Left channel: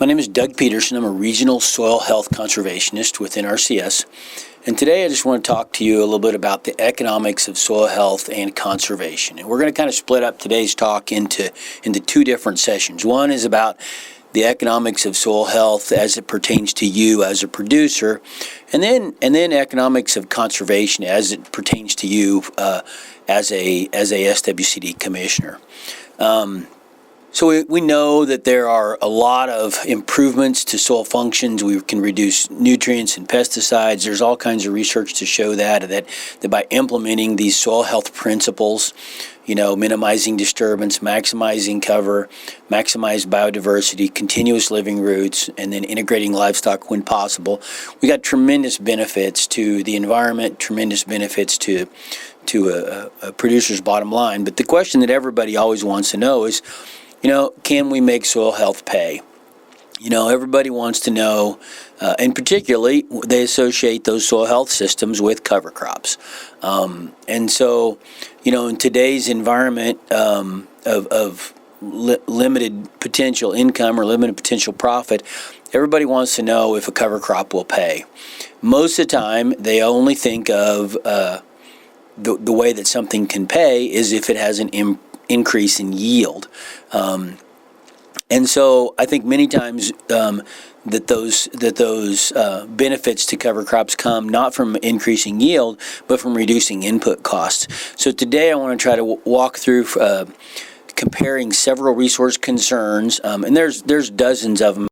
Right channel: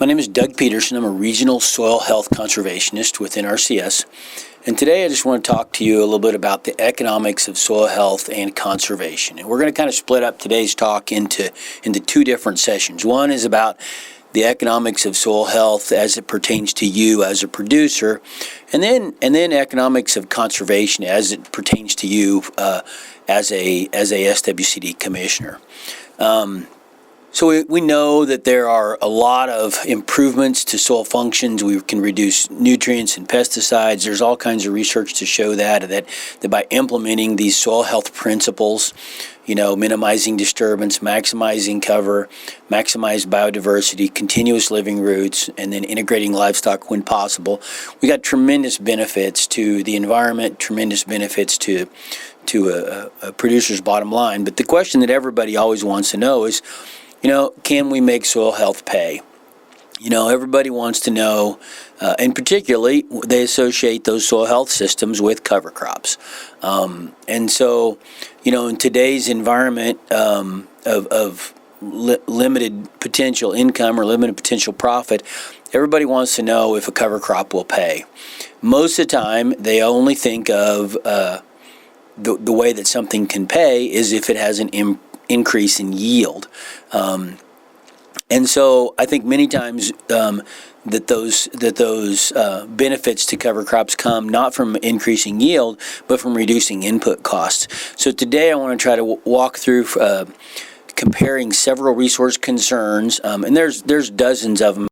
My name is Doug Peterson. I'm a regional soil health conservationist within RCS. And today I just want to talk to you a little bit about the economics of soil health and conservation. And we're going to kind of split up today's talk into two different sessions. One is about the economics of soil health as it pertains to you as a producer, and then economics of conservation as it pertains to you as a SWCD commissioner. So we know that there are a lot of improvements to soil functions. We can reduce nutrients and pesticides. There's all kinds of research to show that by implementing these soil health principles, minimizing disturbance, maximizing cover, maximize biodiversity, continuous living roots, and then integrating livestock when possible, we got tremendous benefits to the environment, tremendous benefits to a producer's bottom line. But the question that everybody always wants to know is, can we make soil health pay? Everybody wants to know, and particularly they associate those soil health systems with cover crops. And so, in today's environment of limited potential income or limited potential profit, everybody wants to know if a cover crop will pay. Most of the time, they only think of the way that something can pay is if it has an increase in yield. And so I think many times that those benefits to cover crops come not from increasing yield, but from reducing input costs. So today I want to try to walk through comparing several resource concerns, and there's dozens of them.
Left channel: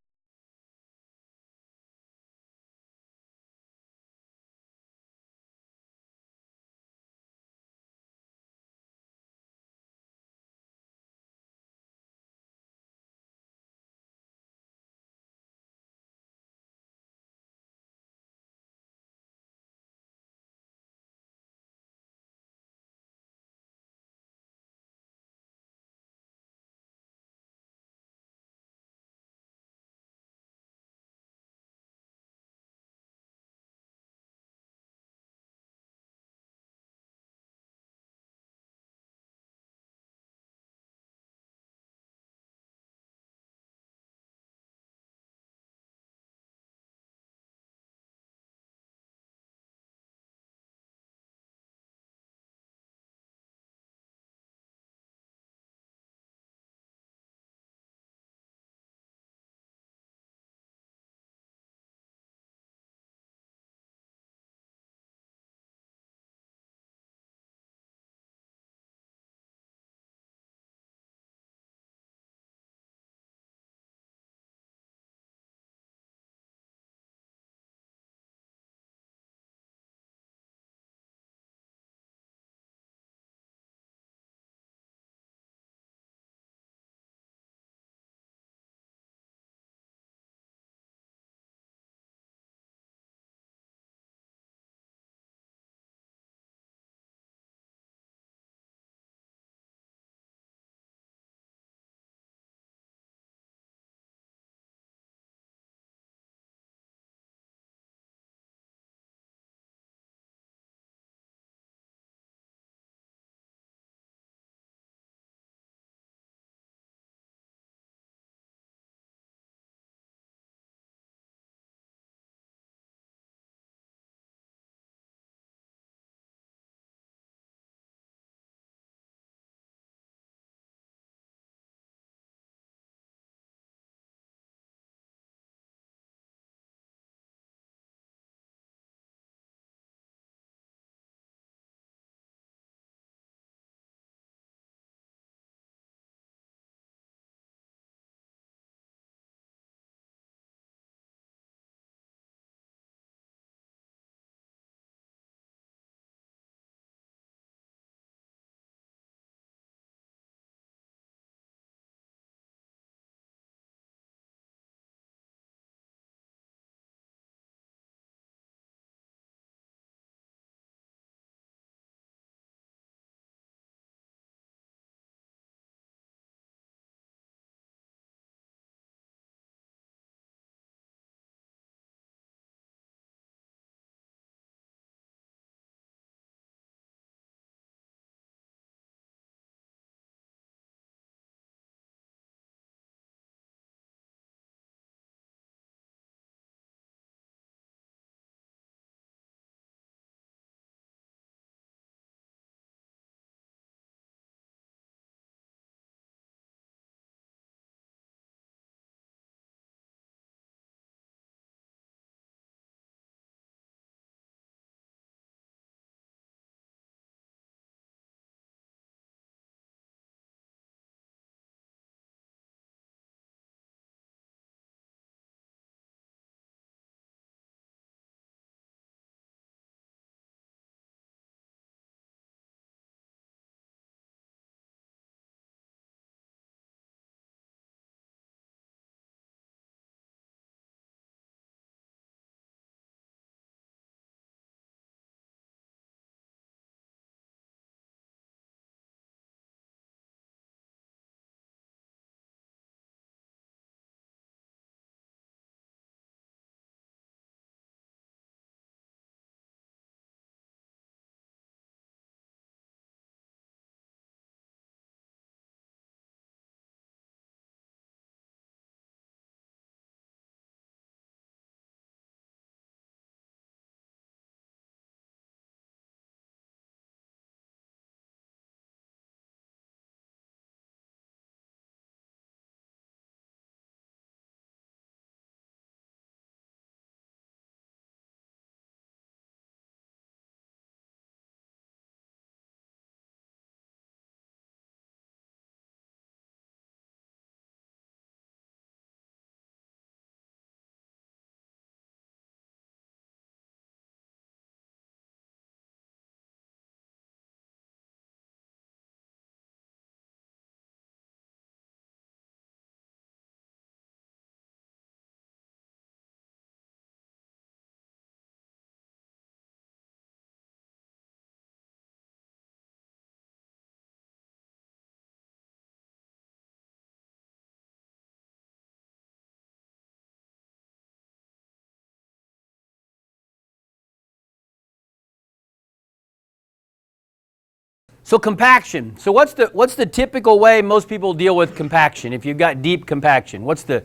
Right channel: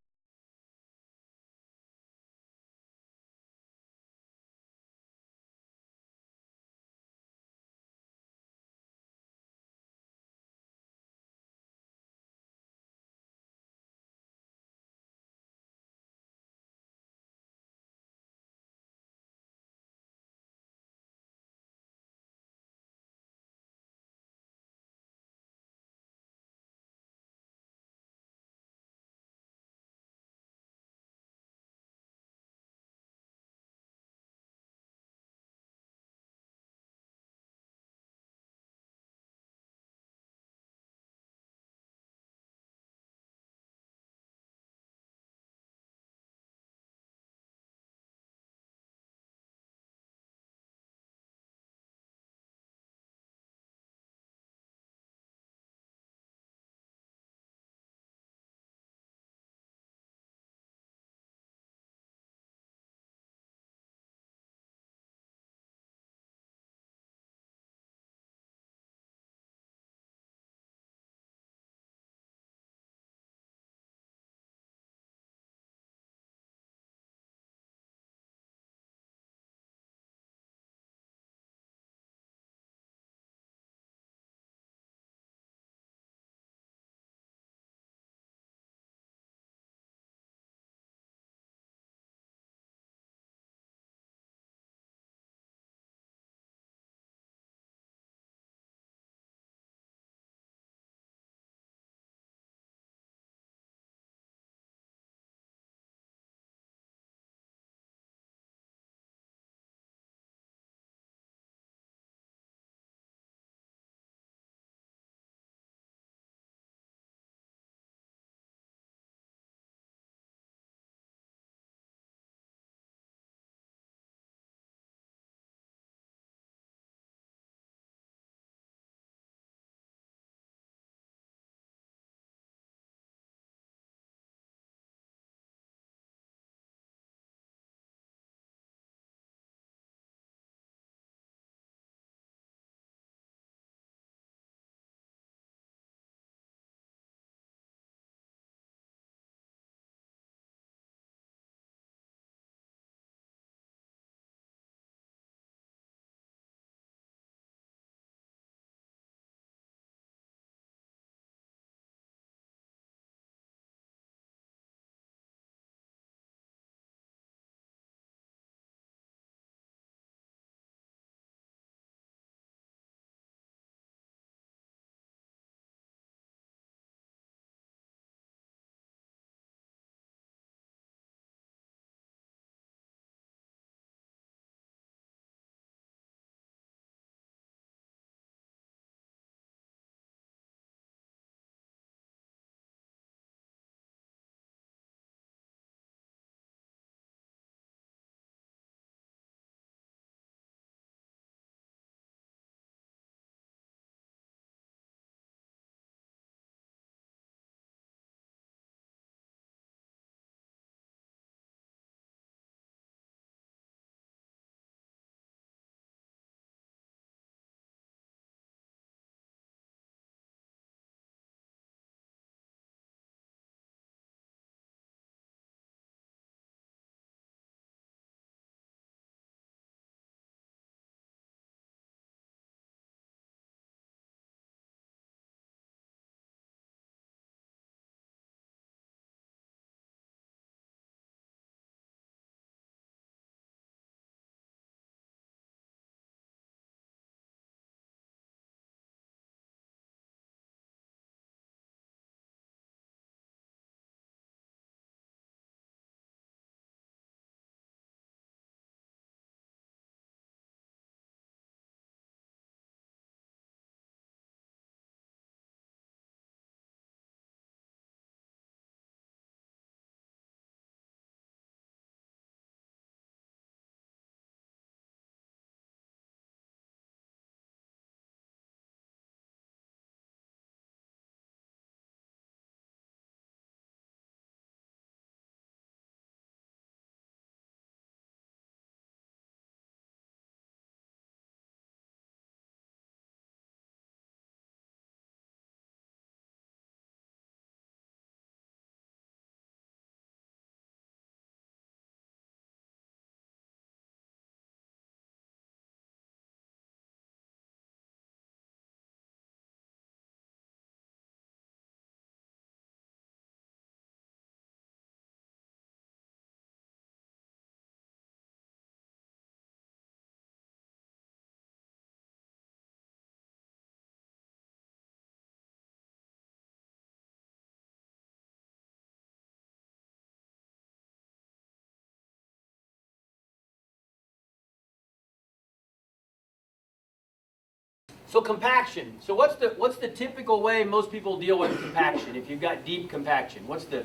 So compaction. So what's the typical way most people deal with compaction? If you've got deep compaction, what's the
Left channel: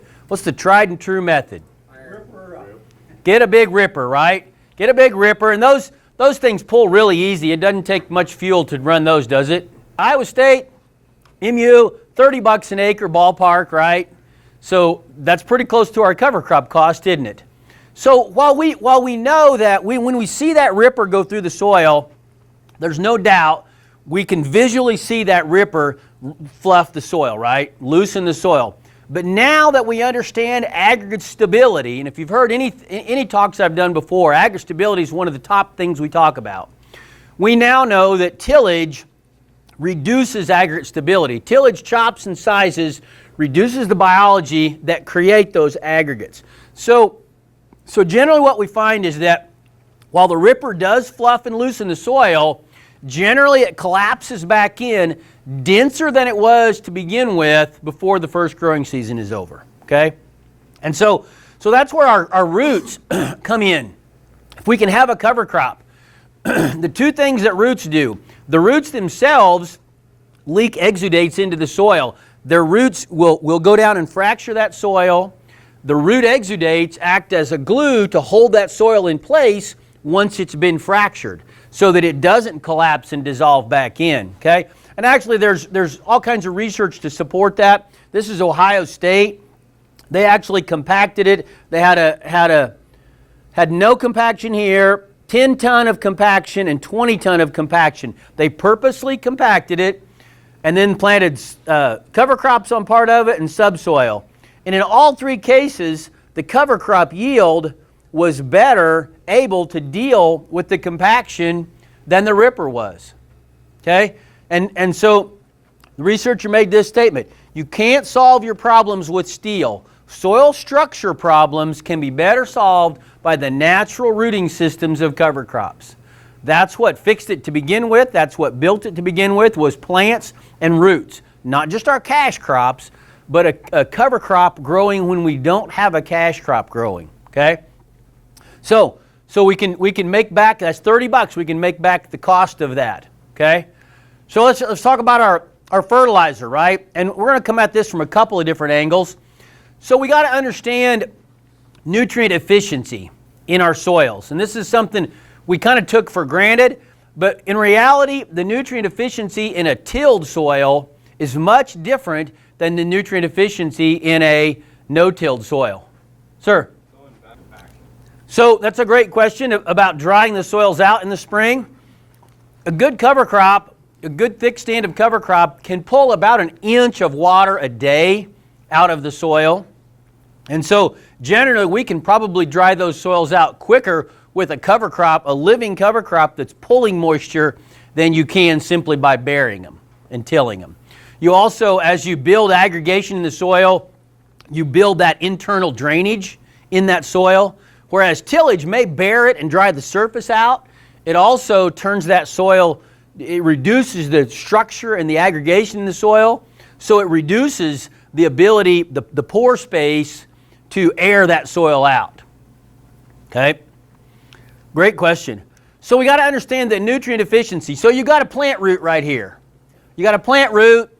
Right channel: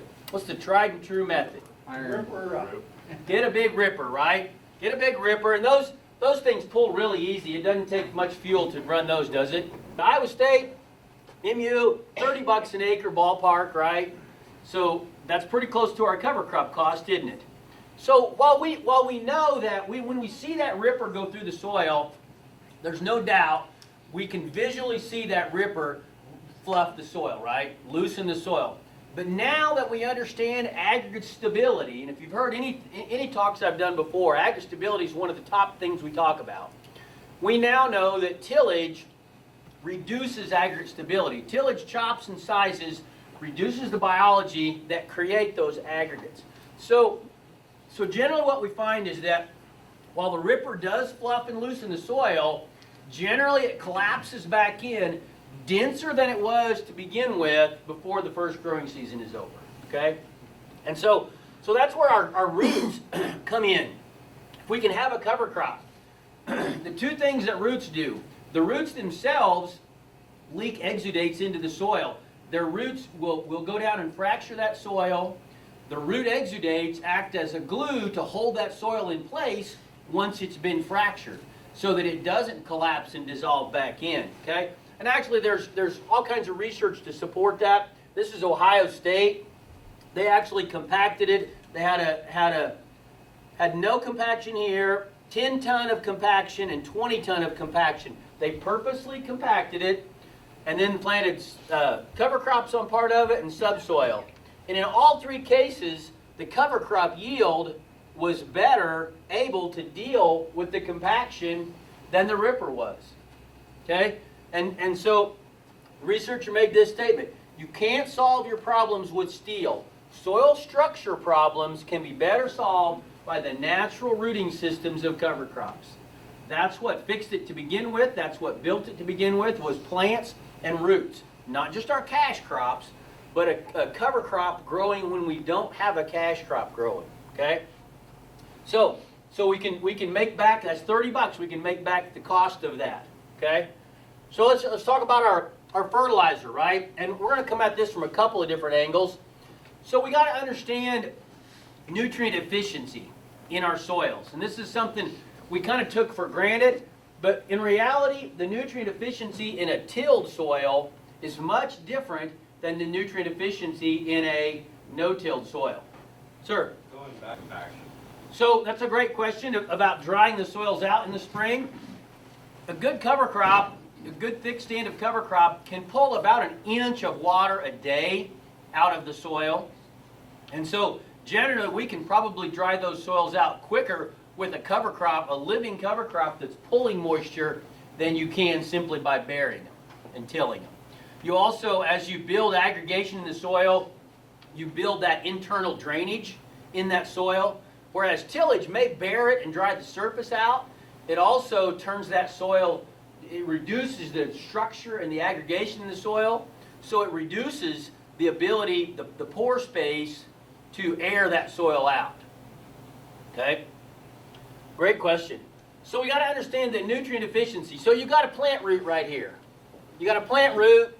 tried and true method? Get a big ripper, right? Get a big ripper, and those things pull really easy. It doesn't take much fuel to run those, does it? Iowa State, MU, $30 an acre ballpark, right? So that's pretty close to our cover crop cost, isn't it? So while we know that when we see that ripper go through the soil, there's no doubt we can visually see that ripper fluff the soil, right? Loosen the soil. But now that we understand aggregate stability, and if you've heard any talks I've done before, aggregate stability is one of the top things we talk about. We now know that tillage reduces aggregate stability. Tillage chops and sizes reduces the biology that create those aggregates. So generally what we find is that while the ripper does fluff and loosen the soil, generally it collapses back in denser than it was to begin with before the first growing season is over, okay? And so that's where our roots come in. If we can have a cover crop, the two things that roots do, the roots themselves leak exudates into the soil. Their roots will go down and fracture that soil. The root exudates act as a glue to hold that soil in place once it's been fractured so that it doesn't collapse and dissolve back in, okay? And actually there's all kinds of research to support that. This is Ohio State. They actually compacted it. They had no compaction here, 10 ton of compaction and 20 ton of compaction. They purposely compacted it and then planted cover crops on part of it and subsoil. And in all three cases, the cover crop yield was better able to deal with the compaction than the ripper was. Okay? And so the researcher made this statement: you can't solve your problems with steel. Soil structure problems can be better solved by the natural rooting systems of cover crops. That's what fixed it to begin with. That's what built it to begin with, was plants and roots. Not just our cash crops, but a cover crop growing when we don't have a cash crop growing. Okay? So we can make back, that's $30, we can make back the cost of that. Okay? So let's talk about our fertilizer, right? And we're going to come at this from a couple of different angles. So we got to understand nutrient efficiency in our soils. And this is something we kind of took for granted, but in reality, the nutrient efficiency in a tilled soil is much different than the nutrient efficiency in a no-tilled soil. Sir? So that's a great question about drying the soils out in the spring. A good cover crop, a good thick stand of cover crop can pull about an inch of water a day out of the soil. And so generally we can probably dry those soils out quicker with a cover crop, a living cover crop that's pulling moisture, than you can simply by burying them and tilling them. You also, as you build aggregation in the soil, you build that internal drainage in that soil. Whereas tillage may bear it and dry the surface out, it also turns that soil, it reduces the structure and the aggregation in the soil, so it reduces the ability, the pore space, to air that soil out. Okay? Great question. So we got to understand the nutrient efficiency. So you got a plant root right here. You got a plant root.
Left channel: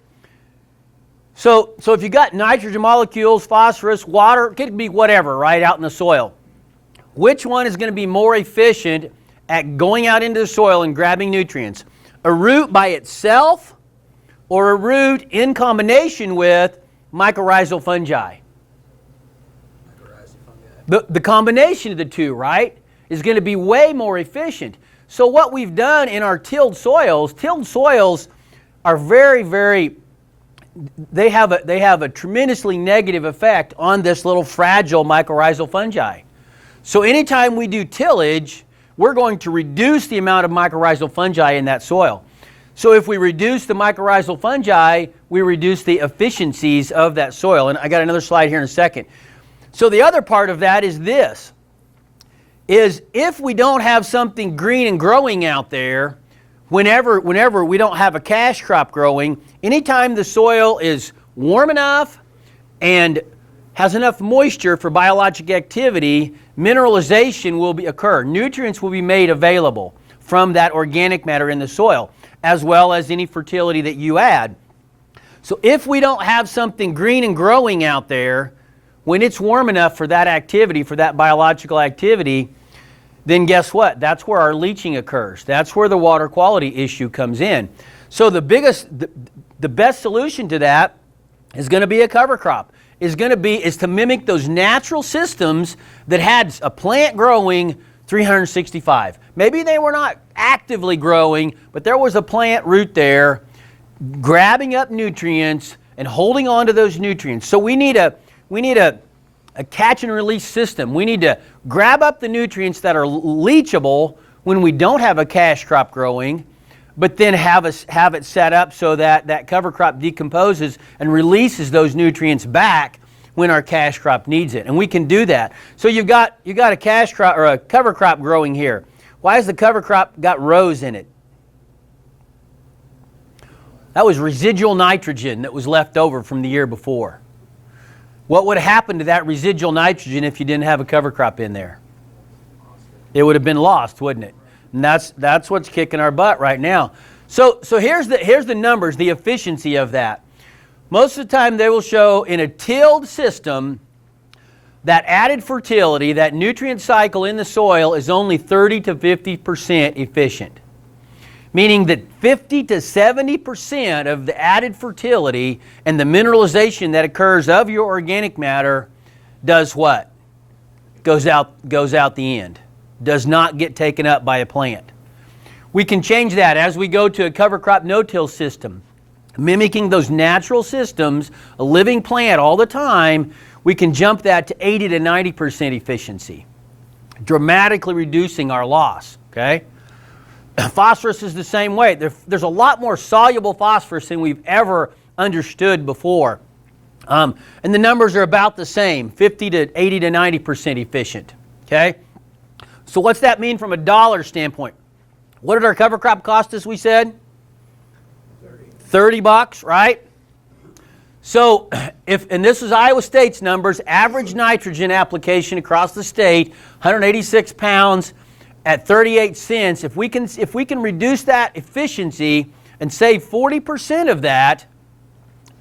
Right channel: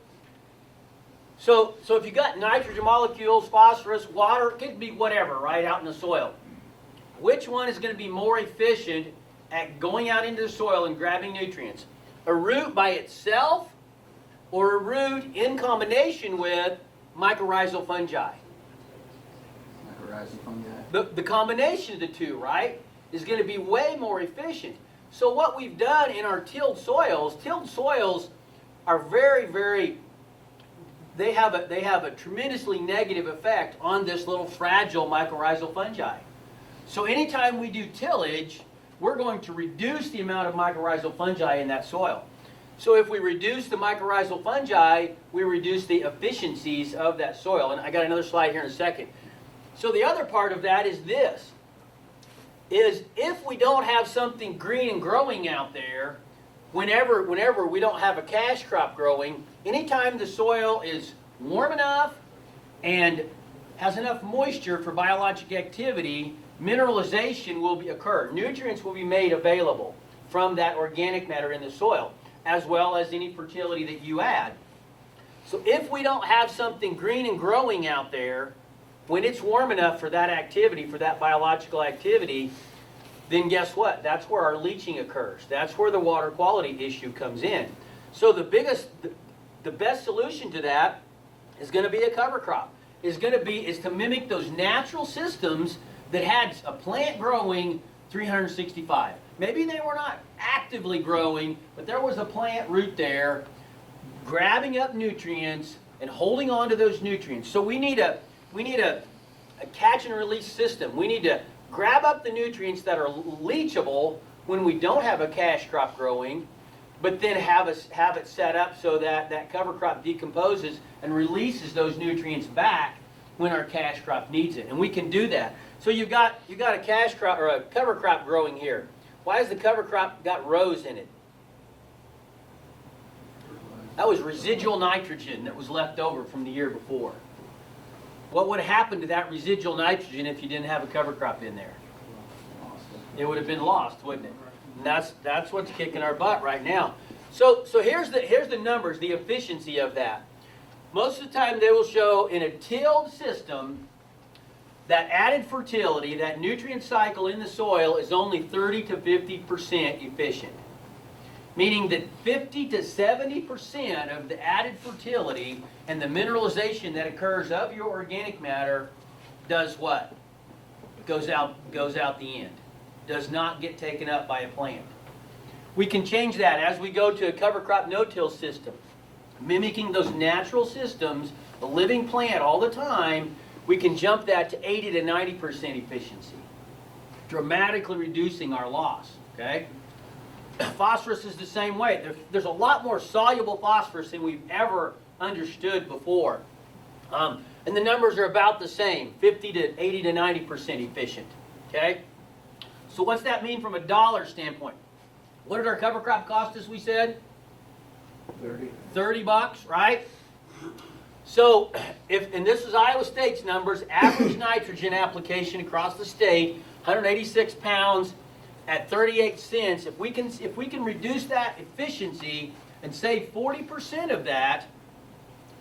So if you got nitrogen molecules, phosphorus, water, it could be whatever, right, out in the soil. Which one is going to be more efficient at going out into the soil and grabbing nutrients? A root by itself or a root in combination with mycorrhizal fungi? Mycorrhizal fungi. The combination of the two, right, is going to be way more efficient. So what we've done in our tilled soils are very, very, they have a tremendously negative effect on this little fragile mycorrhizal fungi. So anytime we do tillage, we're going to reduce the amount of mycorrhizal fungi in that soil. So if we reduce the mycorrhizal fungi, we reduce the efficiencies of that soil. And I got another slide here in a second. So the other part of that is this, is if we don't have something green and growing out there, whenever we don't have a cash crop growing, anytime the soil is warm enough and has enough moisture for biologic activity, mineralization will occur. Nutrients will be made available from that organic matter in the soil. as well as any fertility that you add. So if we don't have something green and growing out there, when it's warm enough for that activity, for that biological activity, then guess what? That's where our leaching occurs. That's where the water quality issue comes in. So the best solution to that is going to be a cover crop. Is to mimic those natural systems that had a plant growing 365. Maybe they were not actively growing, but there was a plant root there grabbing up nutrients and holding on to those nutrients. So we need a catch and release system. We need to grab up the nutrients that are leachable when we don't have a cash crop growing, but then have it set up so that that cover crop decomposes and releases those nutrients back when our cash crop needs it. And we can do that. So you've got a cash crop or a cover crop growing here. Why has the cover crop got rows in it? That was residual nitrogen that was left over from the year before. What would happen to that residual nitrogen if you didn't have a cover crop in there? It would have been lost, wouldn't it? And that's what's kicking our butt right now. So here's the numbers, the efficiency of that. Most of the time they will show in a tilled system that added fertility, that nutrient cycle in the soil is only 30 to 50% efficient. Meaning that 50 to 70% of the added fertility and the mineralization that occurs of your organic matter does what? Goes out the end. Does not get taken up by a plant. We can change that as we go to a cover crop no-till system. Mimicking those natural systems, a living plant all the time, we can jump that to 80 to 90% efficiency. Dramatically reducing our loss, okay? Phosphorus is the same way. There's a lot more soluble phosphorus than we've ever understood before. And the numbers are about the same, 50 to 80 to 90% efficient. Okay? So what's that mean from a dollar standpoint? What did our cover crop cost us, we said? $30, right? So, and this is Iowa State's numbers, average nitrogen application across the state, 186 pounds, at 38 cents, if we can reduce that efficiency and save 40% of that,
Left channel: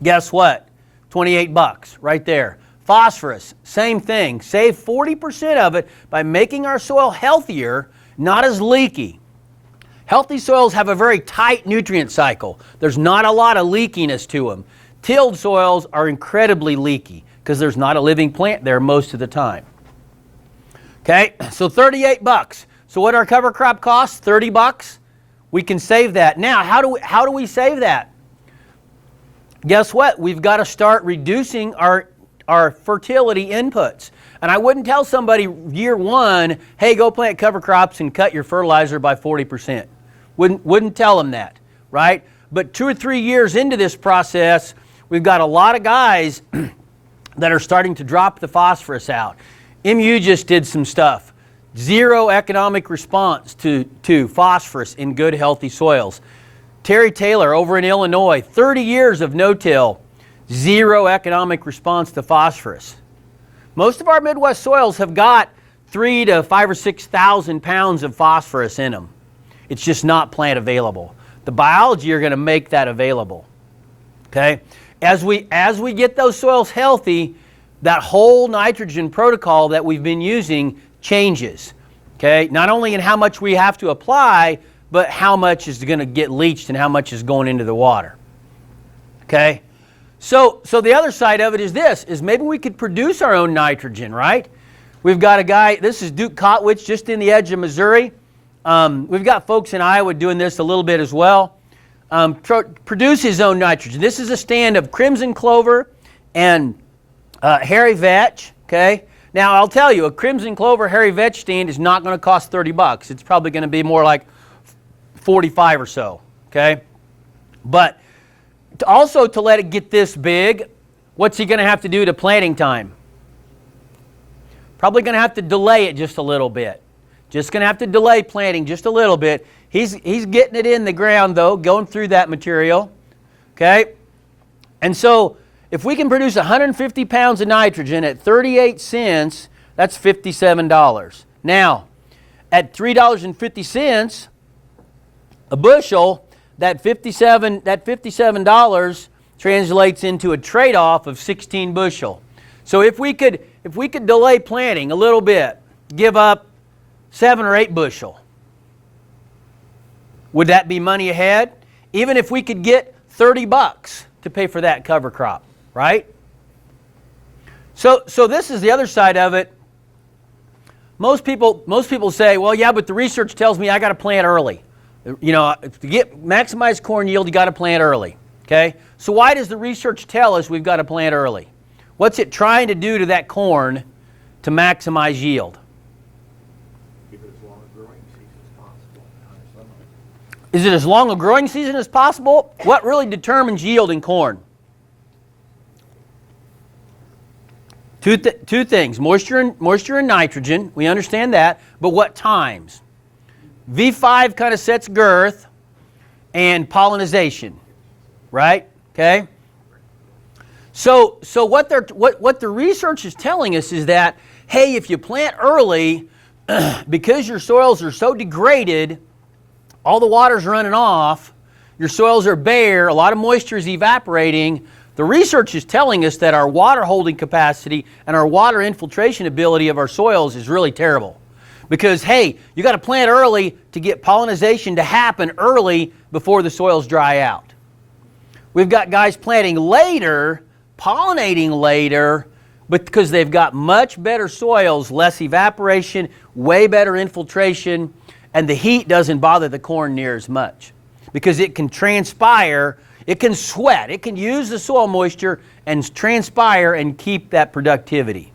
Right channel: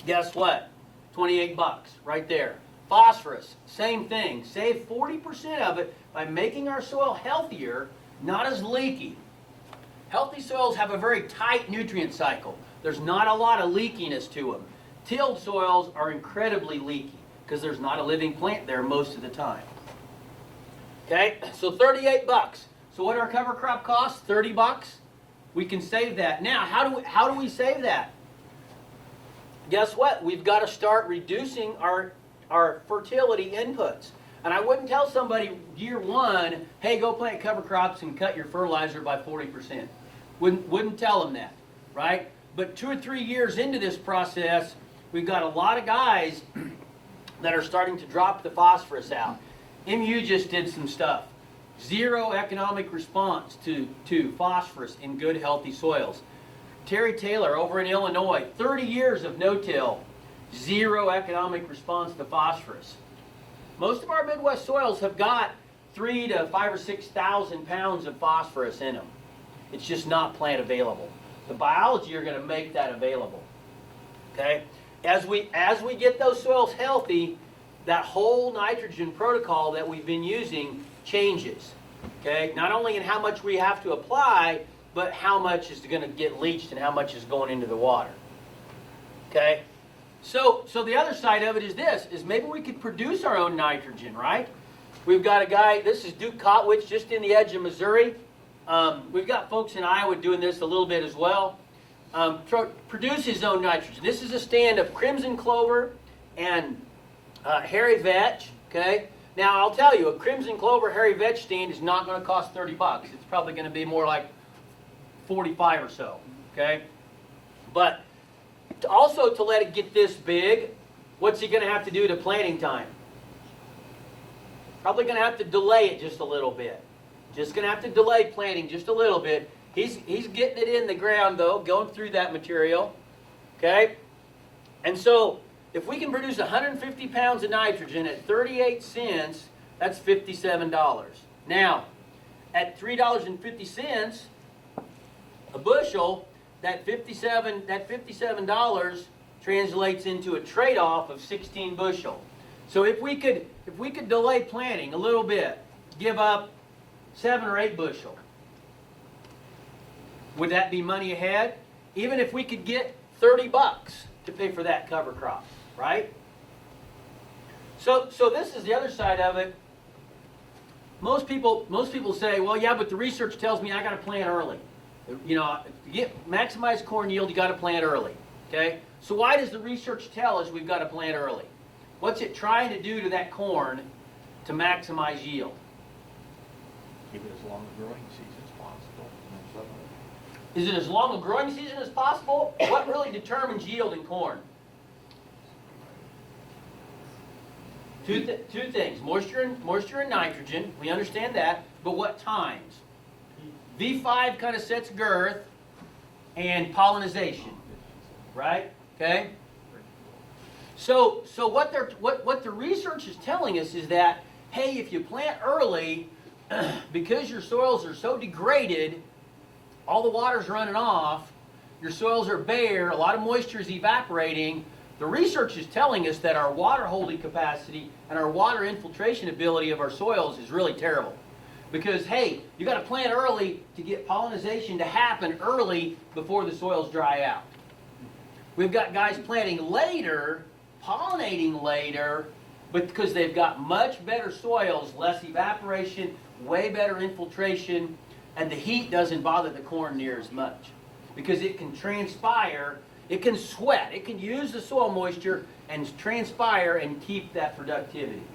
guess what? $28 right there. Phosphorus, same thing. Save 40% of it by making our soil healthier, not as leaky. Healthy soils have a very tight nutrient cycle. There's not a lot of leakiness to them. Tilled soils are incredibly leaky because there's not a living plant there most of the time. Okay, so $38. So what our cover crop costs, $30, we can save that. Now, how do we save that? Guess what? We've got to start reducing our fertility inputs. And I wouldn't tell somebody year one, hey, go plant cover crops and cut your fertilizer by 40%. Wouldn't tell them that, right? But 2 or 3 years into this process, we've got a lot of guys that are starting to drop the phosphorus out. MU just did some stuff. Zero economic response to phosphorus in good, healthy soils. Terry Taylor over in Illinois, 30 years of no-till, zero economic response to phosphorus. Most of our Midwest soils have got 3 to 5 or 6,000 pounds of phosphorus in them. It's just not plant available. The biology are going to make that available. Okay? As we get those soils healthy, that whole nitrogen protocol that we've been using changes. Okay? Not only in how much we have to apply, but how much is going to get leached and how much is going into the water. Okay? So the other side of it is this, is maybe we could produce our own nitrogen, right? We've got a guy, this is Duke Kotwich, just in the edge of Missouri. We've got folks in Iowa doing this a little bit as well. Produce his own nitrogen. This is a stand of crimson clover and hairy vetch, okay? Now, I'll tell you, a crimson clover hairy vetch stand is not going to cost $30. It's probably going to be more like 45 or so, okay? But also to let it get this big, what's he going to have to do to planting time? Probably going to have to delay it just a little bit. Just going to have to delay planting just a little bit. He's getting it in the ground, though, going through that material, okay? And so if we can produce 150 pounds of nitrogen at 38 cents, that's $57. Now, at $3.50 a bushel, that $57 translates into a trade-off of 16 bushel. So if we could delay planting a little bit, give up 7 or 8 bushel, would that be money ahead? Even if we could get $30 to pay for that cover crop, right? So this is the other side of it. Most people say, well, yeah, but the research tells me I got to plant early. You know, to get maximize corn yield, you got to plant early. Okay? So why does the research tell us we've got to plant early? What's it trying to do to that corn to maximize yield? Keep it as long a growing season as possible. Is it as long a growing season as possible? What really determines yield in corn? Two things, moisture and nitrogen, we understand that, but what times? V5 kind of sets girth and pollination, right? Okay? So what the research is telling us is that, hey, if you plant early, because your soils are so degraded, all the water's running off, your soils are bare, a lot of moisture is evaporating, the research is telling us that our water holding capacity and our water infiltration ability of our soils is really terrible. Because, hey, you got to plant early to get pollination to happen early before the soils dry out. We've got guys planting later, pollinating later, but because they've got much better soils, less evaporation, way better infiltration, and the heat doesn't bother the corn near as much. Because it can transpire, it can sweat, it can use the soil moisture and transpire and keep that productivity.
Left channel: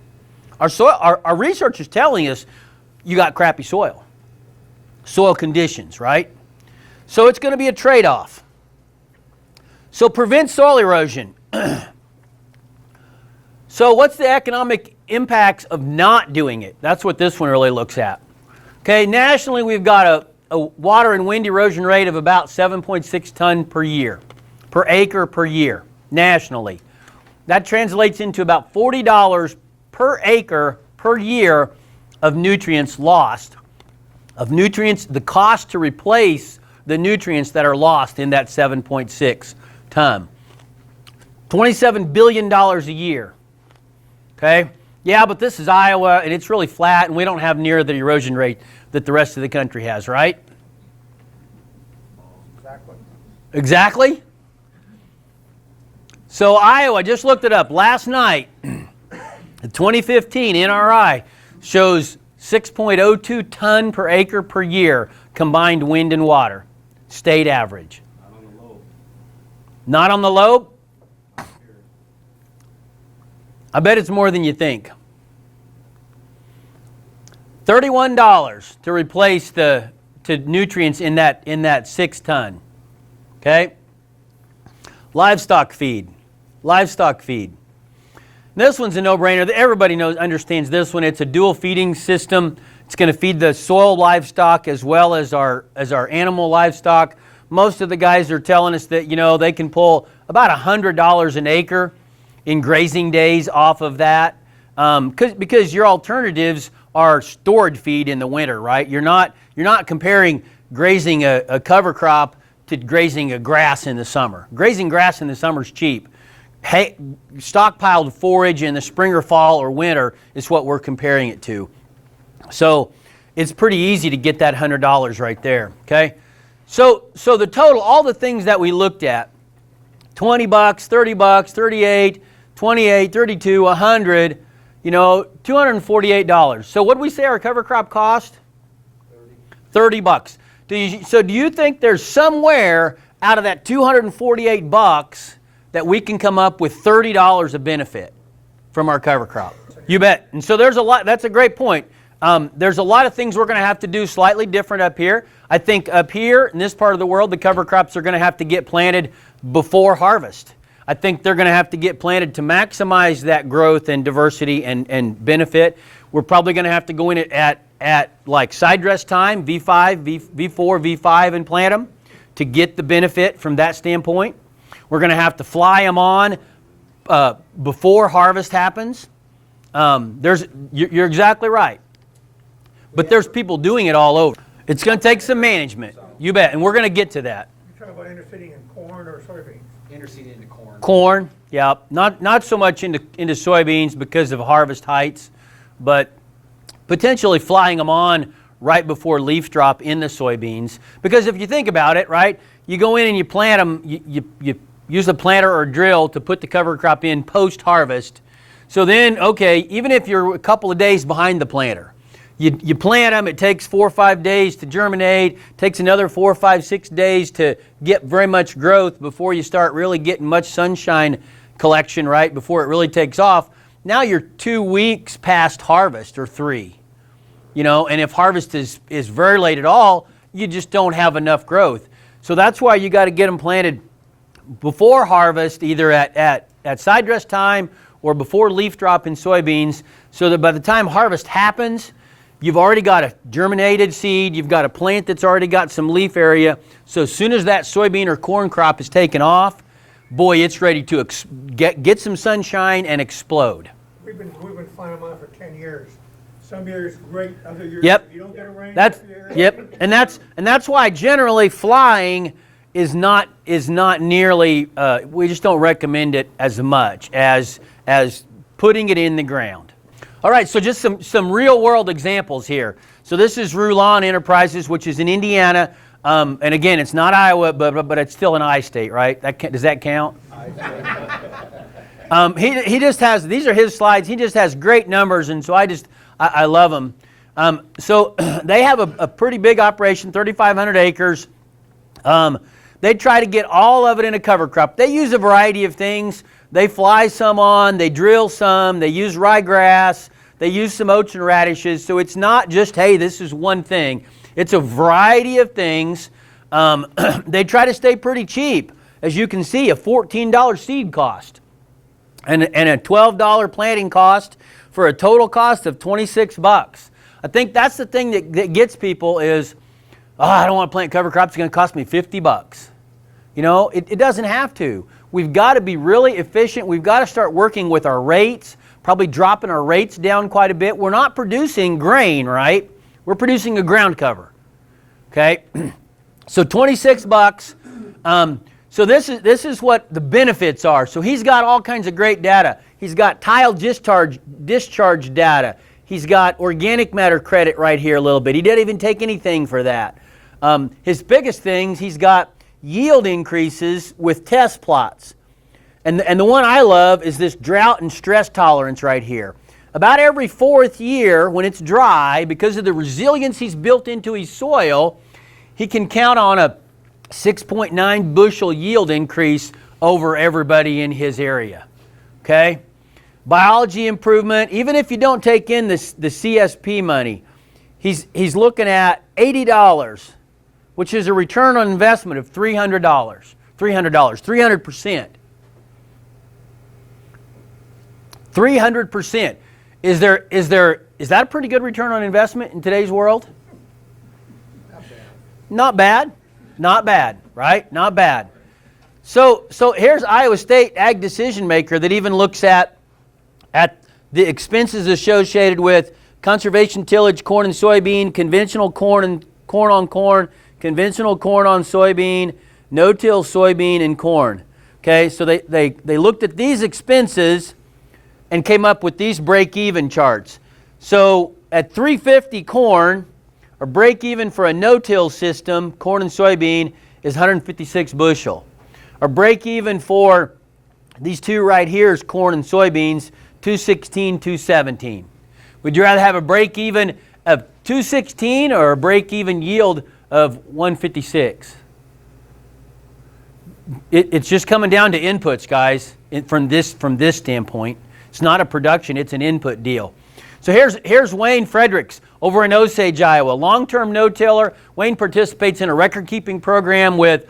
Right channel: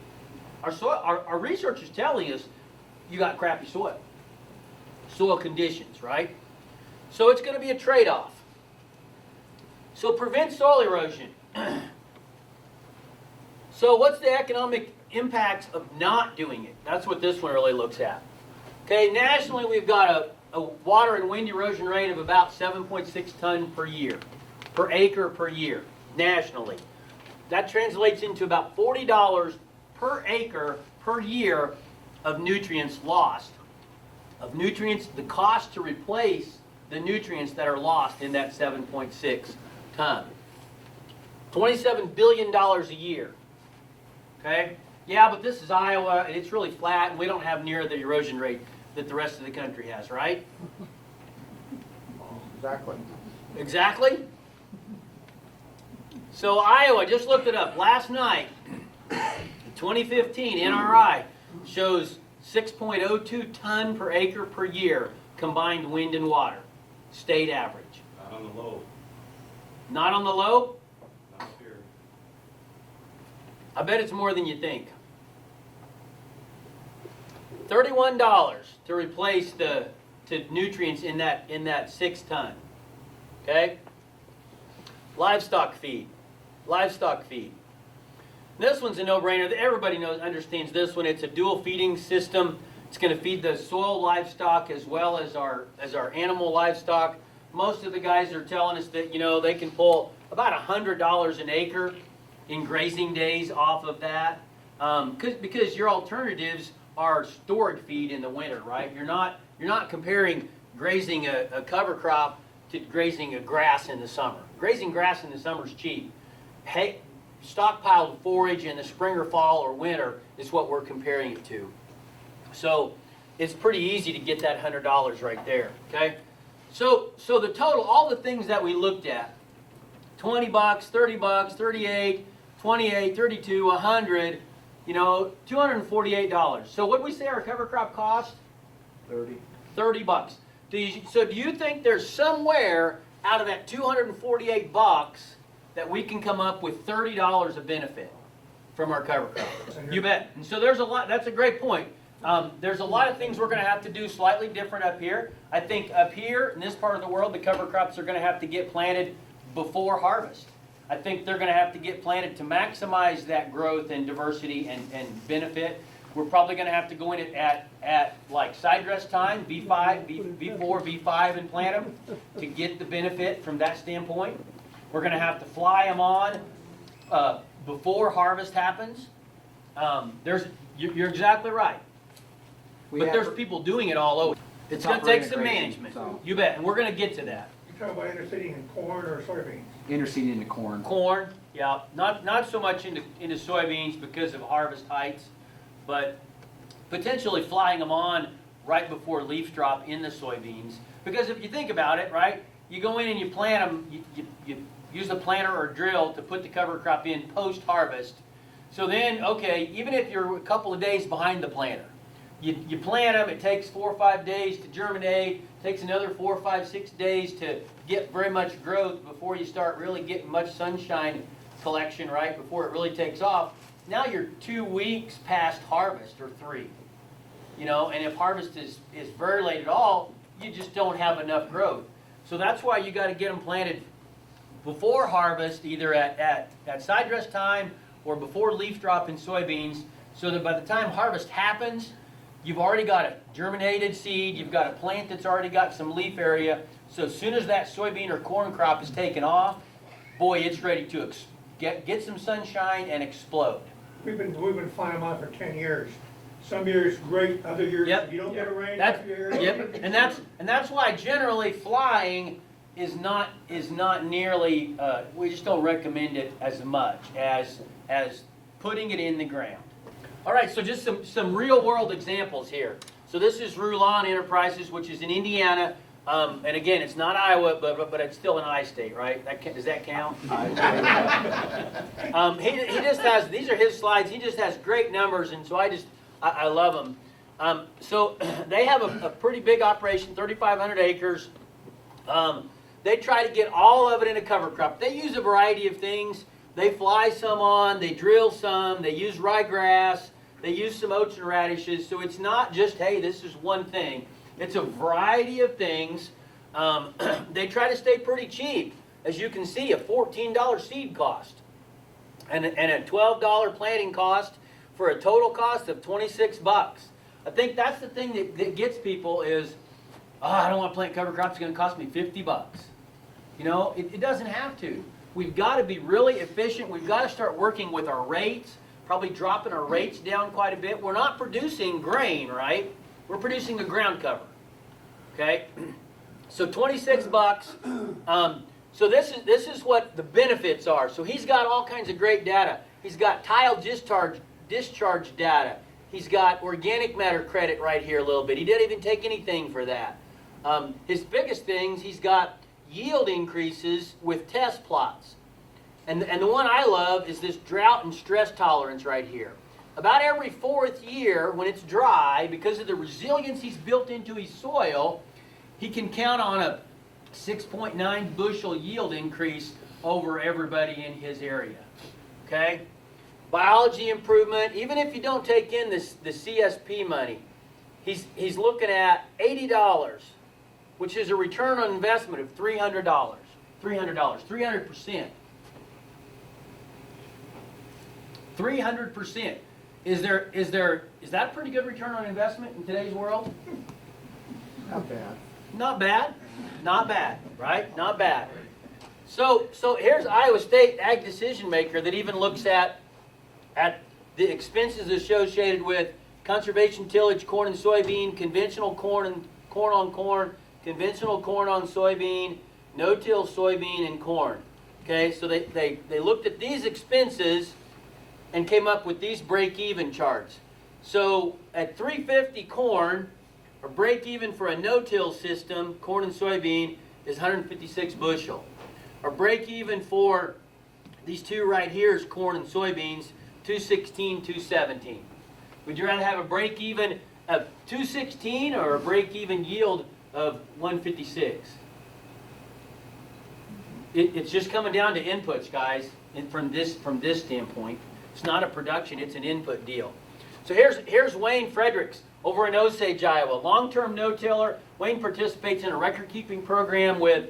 Our research is telling us you got crappy soil conditions, right? So it's going to be a trade-off. So prevent soil erosion. So what's the economic impacts of not doing it? That's what this one really looks at. Okay, nationally we've got a water and wind erosion rate of about 7.6 ton per year, per acre per year, nationally. That translates into about $40 per acre per year of nutrients lost, the cost to replace the nutrients that are lost in that 7.6 ton. $27 billion a year. Okay? Yeah, but this is Iowa and it's really flat and we don't have near the erosion rate that the rest of the country has, right? Exactly. Exactly? So Iowa, I just looked it up last night. The 2015 NRI shows 6.02 ton per acre per year combined wind and water, state average. Not on the low. Not on the low? Not here. I bet it's more than you think. $31 to replace the nutrients in that 6 ton. Okay? Livestock feed. This one's a no-brainer. Everybody understands this one. It's a dual feeding system. It's going to feed the soil livestock as well as our animal livestock. Most of the guys are telling us that, you know, they can pull about $100 an acre in grazing days off of that. Because your alternatives are stored feed in the winter, right? You're not comparing grazing a cover crop to grazing a grass in the summer. Grazing grass in the summer is cheap. Hay, stockpiled forage in the spring or fall or winter is what we're comparing it to. So it's pretty easy to get that $100 right there, okay? So the total, all the things that we looked at, $20, $30, 38, 28, 32, 100, you know, $248. So what did we say our cover crop cost? 30 bucks. Do you think there's somewhere out of that $248 that we can come up with $30 of benefit from our cover crop? You bet. And so there's a lot. That's a great point. There's a lot of things we're going to have to do slightly different up here. I think up here in this part of the world, the cover crops are going to have to get planted before harvest. I think they're going to have to get planted to maximize that growth and diversity and benefit. We're probably going to have to go in at like side dress time, V5, V4, V5, and plant them to get the benefit from that standpoint. We're going to have to fly them on before harvest happens. You're exactly right. But there's people doing it all over. It's going to take some management. You bet. And we're going to get to that. talking about interseeding in corn or soybeans? Interseeding into corn. Corn, yeah, not so much into soybeans because of harvest heights, but potentially flying them on right before leaf drop in the soybeans. Because if you think about it, right, you go in and you plant them, you use a planter or drill to put the cover crop in post-harvest. So then, okay, even if you're a couple of days behind the planter, you plant them, it takes 4 or 5 days to germinate, takes another 4 or 5, 6 days to get very much growth before you start really getting much sunshine collection, right, before it really takes off. Now you're 2 weeks past harvest or 3, you know, and if harvest is very late at all, you just don't have enough growth. So that's why you got to get them planted before harvest, either at side dress time or before leaf drop in soybeans, so that by the time harvest happens, you've already got a germinated seed, you've got a plant that's already got some leaf area, so as soon as that soybean or corn crop is taken off, boy, it's ready to get some sunshine and explode. We've been flying them out for 10 years. Some years great, other years Yep. if you don't get a rain. That's every year, yep, and that's why generally flying is not nearly. We just don't recommend it as much as putting it in the ground. All right, so just some real world examples here. So this is Rulon Enterprises, which is in Indiana, and again, it's not Iowa, but it's still an I state, right? Does that count? He just has, these are his slides. He just has great numbers, and so I love them. So they have a pretty big operation, 3,500 acres. They try to get all of it in a cover crop. They use a variety of things. They fly some on, they drill some, they use ryegrass, they use some oats and radishes. So it's not just, hey, this is one thing. It's a variety of things. They try to stay pretty cheap. As you can see, a $14 seed cost and a $12 planting cost for a total cost of $26. I think that's the thing that gets people is, oh, I don't want to plant cover crops, it's going to cost me $50. You know, it doesn't have to. We've got to be really efficient. We've got to start working with our rates, probably dropping our rates down quite a bit. We're not producing grain, right? We're producing a ground cover, okay? So $26. So this is what the benefits are. So he's got all kinds of great data. He's got tile discharge data. He's got organic matter credit right here a little bit. He didn't even take anything for that. His biggest things, he's got yield increases with test plots. And the one I love is this drought and stress tolerance right here. About every 4th year when it's dry, because of the resilience he's built into his soil, he can count on a 6.9 bushel yield increase over everybody in his area. Okay? Biology improvement, even if you don't take in the CSP money, he's looking at $80, which is a return on investment of $300. 300%. 300%. Is that a pretty good return on investment in today's world? Not bad. Not bad. Not bad, right? Not bad. So here's Iowa State Ag Decision Maker that even looks at the expenses associated with conservation tillage, corn and soybean, conventional corn and corn on corn, conventional corn on soybean, no-till soybean and corn. Okay, so they looked at these expenses and came up with these break-even charts. So at 350 corn, or break-even for a no-till system, corn and soybean, is 156 bushel. Or break-even for these two right here is corn and soybeans, 216, 217. Would you rather have a break-even of 216 or a break-even yield of 156? It's just coming down to inputs, guys, from this standpoint. It's not a production, it's an input deal. So here's Wayne Fredericks over in Osage, Iowa. Long-term no-tiller. Wayne participates in a record-keeping program with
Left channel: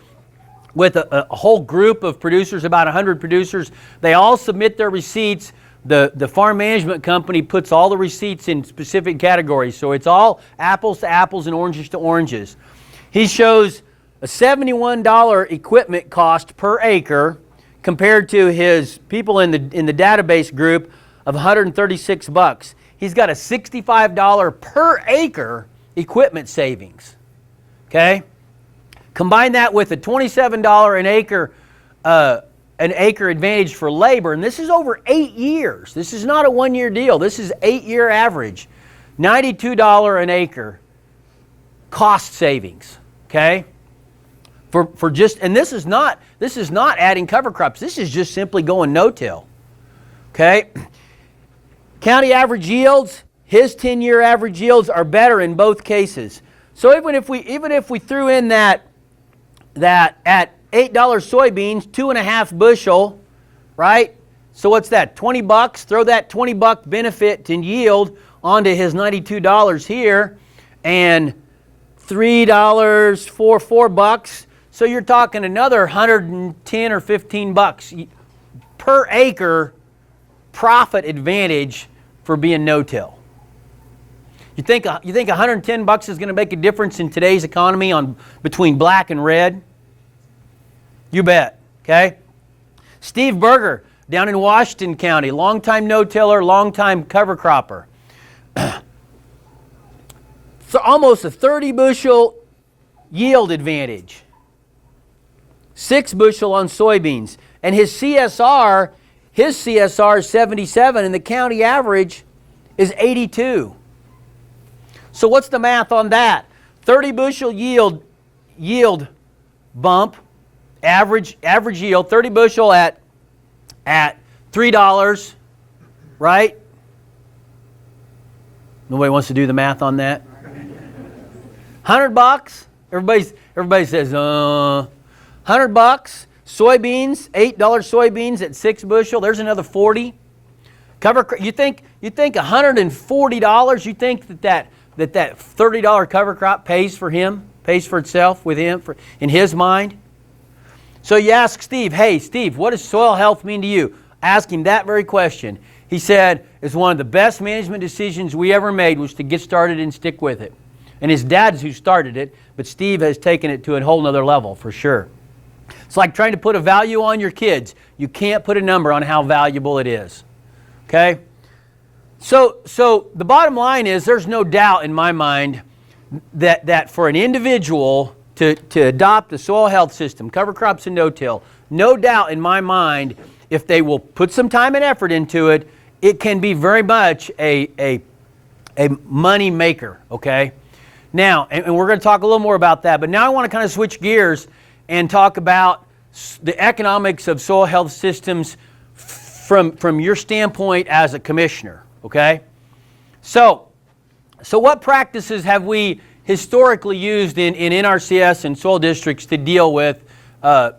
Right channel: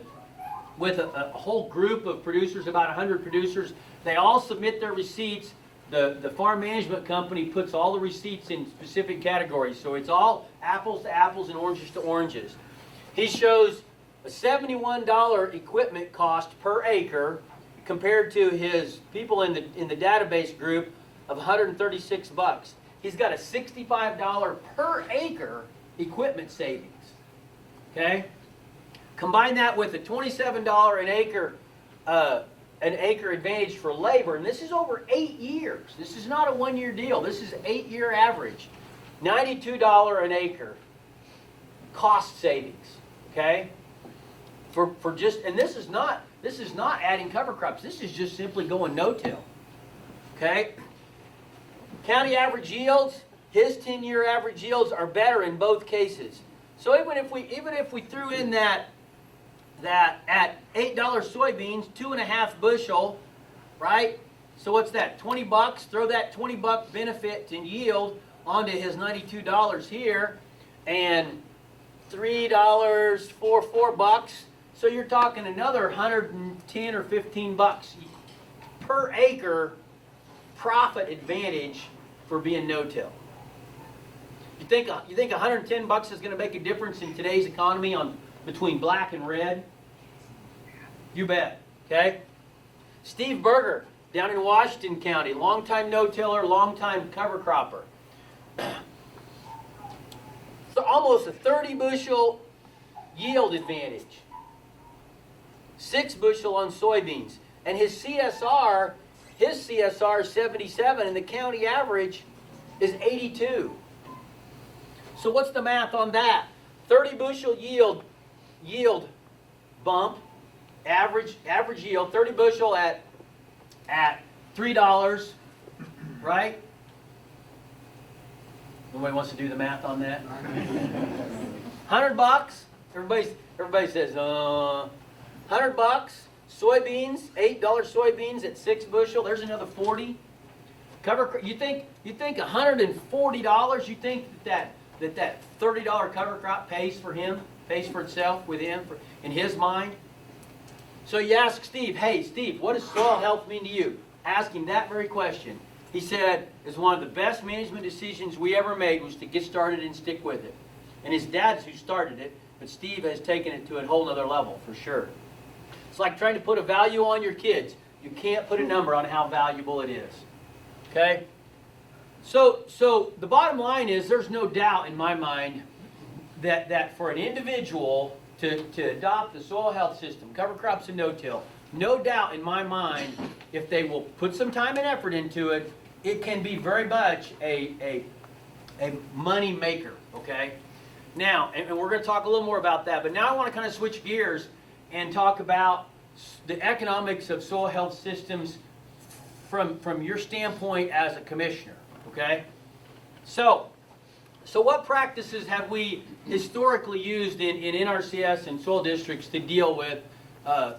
a whole group of producers, about 100 producers. They all submit their receipts. The farm management company puts all the receipts in specific categories. So it's all apples to apples and oranges to oranges. He shows a $71 equipment cost per acre compared to his people in the database group of $136. He's got a $65 per acre equipment savings. Okay? Combine that with a $27 an acre advantage for labor, and this is over 8 years. This is not a one-year deal. This is 8-year average. $92 an acre cost savings, okay? For just, and this is not adding cover crops. This is just simply going no-till, okay? County average yields, his 10-year average yields are better in both cases. So even if we threw in that at $8 soybeans, 2.5 bushel, right? So what's that? 20 bucks. Throw that 20 buck benefit in yield onto his $92 here, and $3 for $4. So you're talking another 110 or 15 bucks per acre profit advantage for being no-till. You think 110 bucks is going to make a difference in today's economy between black and red? You bet, okay? Steve Berger down in Washington County, longtime no-tiller, longtime cover cropper. So almost a 30 bushel yield advantage. 6 bushel on soybeans. And his CSR is 77 and the county average is 82. So what's the math on that? 30 bushel yield bump, average yield, 30 bushel at $3, right? Nobody wants to do the math on that? 100 bucks? Everybody says, 100 bucks. Soybeans, $8 soybeans at 6 bushel. There's another 40. You think $140? You think that $30 cover crop pays for him, pays for itself with him, in his mind? So you ask Steve, hey Steve, what does soil health mean to you? Ask him that very question. He said, it's one of the best management decisions we ever made was to get started and stick with it. And his dad's who started it, but Steve has taken it to a whole nother level for sure. It's like trying to put a value on your kids. You can't put a number on how valuable it is. Okay? So the bottom line is there's no doubt in my mind that for an individual to adopt the soil health system, cover crops and no-till, no doubt in my mind, if they will put some time and effort into it, it can be very much a money maker, okay? Now, and we're going to talk a little more about that, but now I want to kind of switch gears and talk about the economics of soil health systems from your standpoint as a commissioner, okay? So what practices have we historically used in NRCS and soil districts to deal with the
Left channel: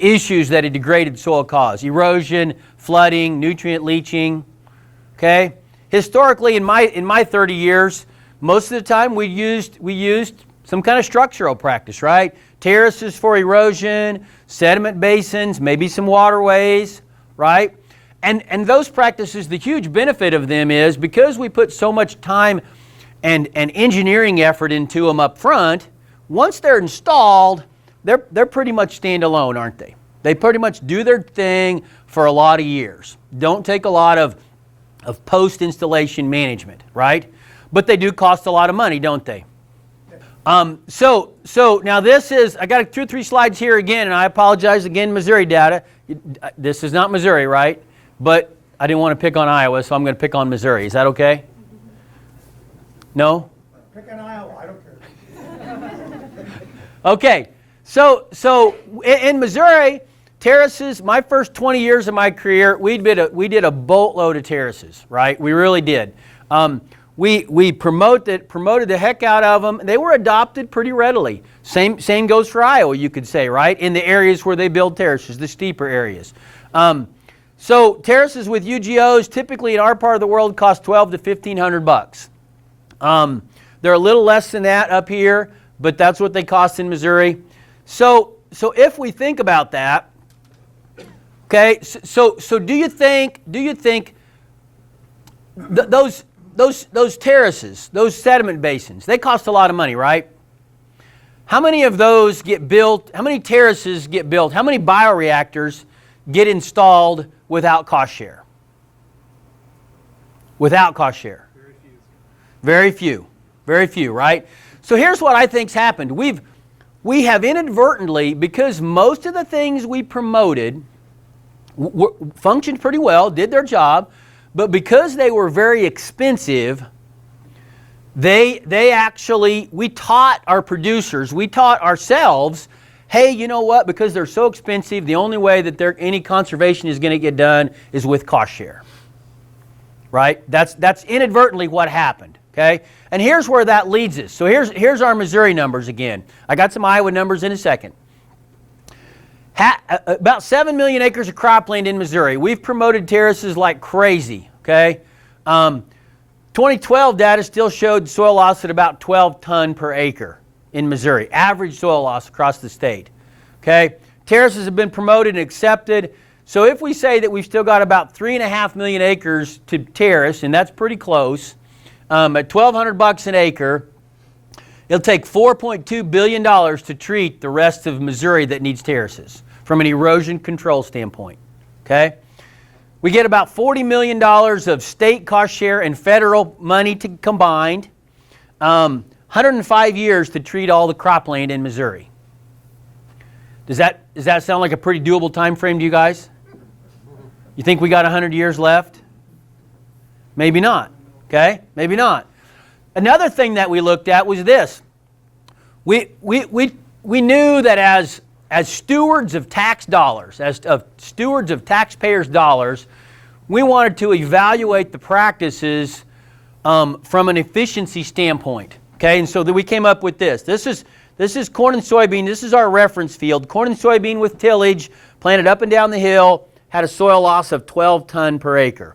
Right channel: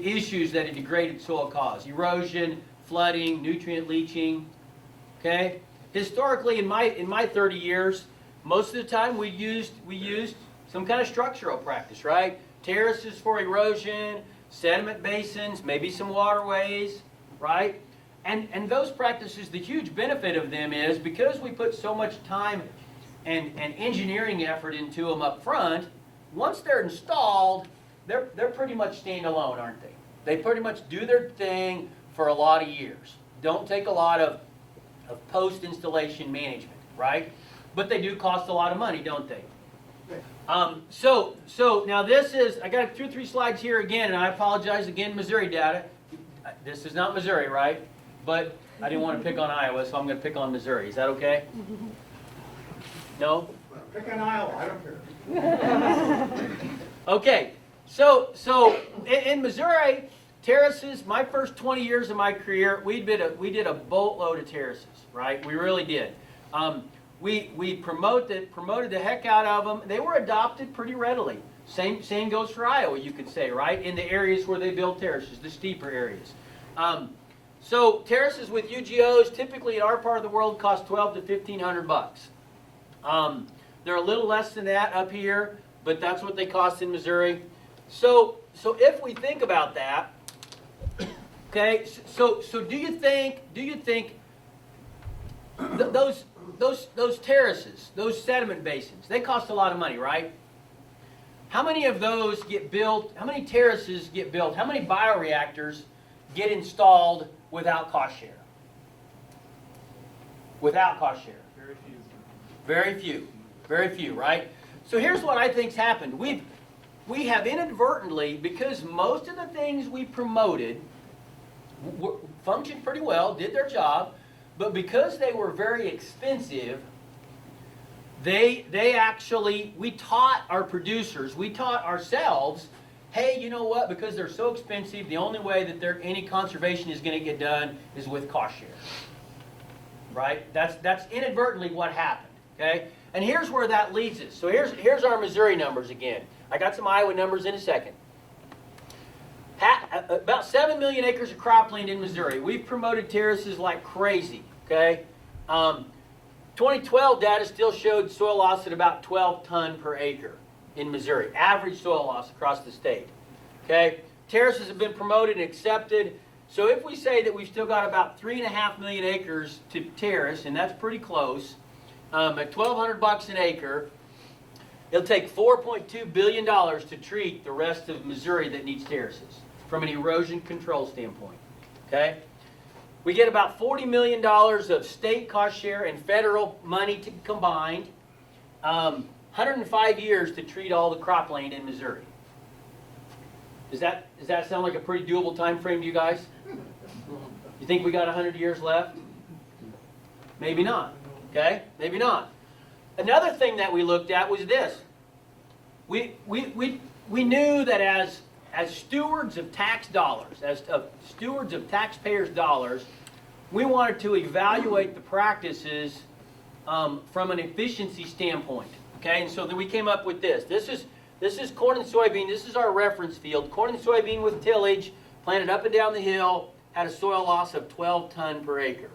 issues that a degraded soil cause? Erosion, flooding, nutrient leaching, okay? Historically, in my 30 years, most of the time we used some kind of structural practice, right? Terraces for erosion, sediment basins, maybe some waterways, right? And those practices, the huge benefit of them is because we put so much time and engineering effort into them up front, once they're installed, they're pretty much standalone, aren't they? They pretty much do their thing for a lot of years. Don't take a lot of post-installation management, right? But they do cost a lot of money, don't they? So now this is, I got 2 or 3 slides here again, and I apologize again, Missouri data. This is not Missouri, right? But I didn't want to pick on Iowa, so I'm going to pick on Missouri. Is that okay? No? Pick on Iowa, I don't care. Okay, so in Missouri, terraces, my first 20 years of my career, we did a boatload of terraces, right? We really did. We promoted the heck out of them. They were adopted pretty readily. Same goes for Iowa, you could say, right? In the areas where they build terraces, the steeper areas. So terraces with UGOs typically in our part of the world cost $1,200 to $1,500. They're a little less than that up here, but that's what they cost in Missouri. So if we think about that, okay, so do you think those terraces, those sediment basins, they cost a lot of money, right? How many of those get built? How many terraces get built? How many bioreactors get installed without cost share? Without cost share? Very few. Very few, right? So here's what I think's happened. we have inadvertently, because most of the things we promoted functioned pretty well, did their job, but because they were very expensive, we taught our producers, we taught ourselves, hey, you know what, because they're so expensive, the only way that any conservation is going to get done is with cost share. Right? That's inadvertently what happened. Okay? And here's where that leads us. So here's our Missouri numbers again. I got some Iowa numbers in a second. About 7 million acres of cropland in Missouri. We've promoted terraces like crazy. Okay? 2012 data still showed soil loss at about 12 ton per acre in Missouri. Average soil loss across the state. Okay? Terraces have been promoted and accepted. So if we say that we've still got about 3.5 million acres to terrace, and that's pretty close, at $1,200 an acre, it'll take $4.2 billion to treat the rest of Missouri that needs terraces from an erosion control standpoint. Okay? We get about $40 million of state cost share and federal money combined. 105 years to treat all the cropland in Missouri. Does that sound like a pretty doable time frame to you guys? You think we got 100 years left? Maybe not. Okay? Maybe not. Another thing that we looked at was this. We knew that as stewards of tax dollars, as stewards of taxpayers' dollars, we wanted to evaluate the practices from an efficiency standpoint. Okay, and so we came up with this. This is corn and soybean. This is our reference field. Corn and soybean with tillage, planted up and down the hill, had a soil loss of 12 ton per acre.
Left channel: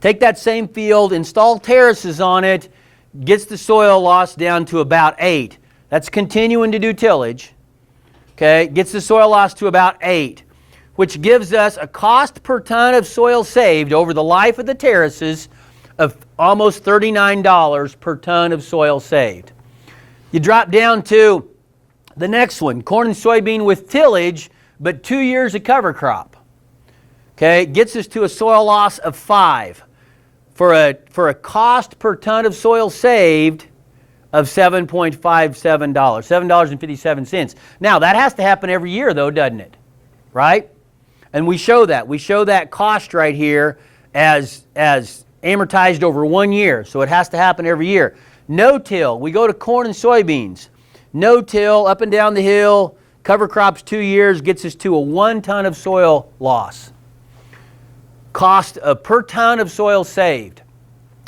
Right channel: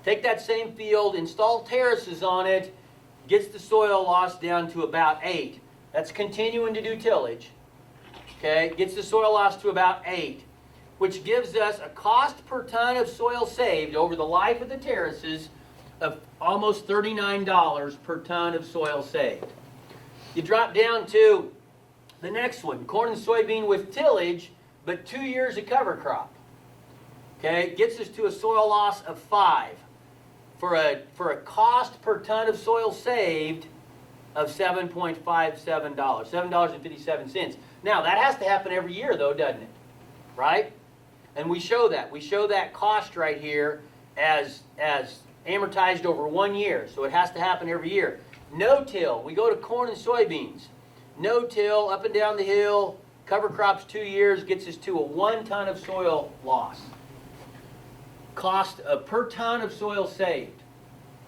Take that same field, install terraces on it, gets the soil loss down to about 8. That's continuing to do tillage. Okay, gets the soil loss to about 8, which gives us a cost per ton of soil saved over the life of the terraces of almost $39 per ton of soil saved. You drop down to the next one, corn and soybean with tillage, but 2 years of cover crop. Okay, gets us to a soil loss of 5 for a cost per ton of soil saved of $7.57, $7.57. Now that has to happen every year though, doesn't it? Right? And we show that. We show that cost right here as amortized over 1 year. So it has to happen every year. No-till, we go to corn and soybeans. No-till, up and down the hill, cover crops 2 years, gets us to a 1 ton of soil loss. Cost per ton of soil saved.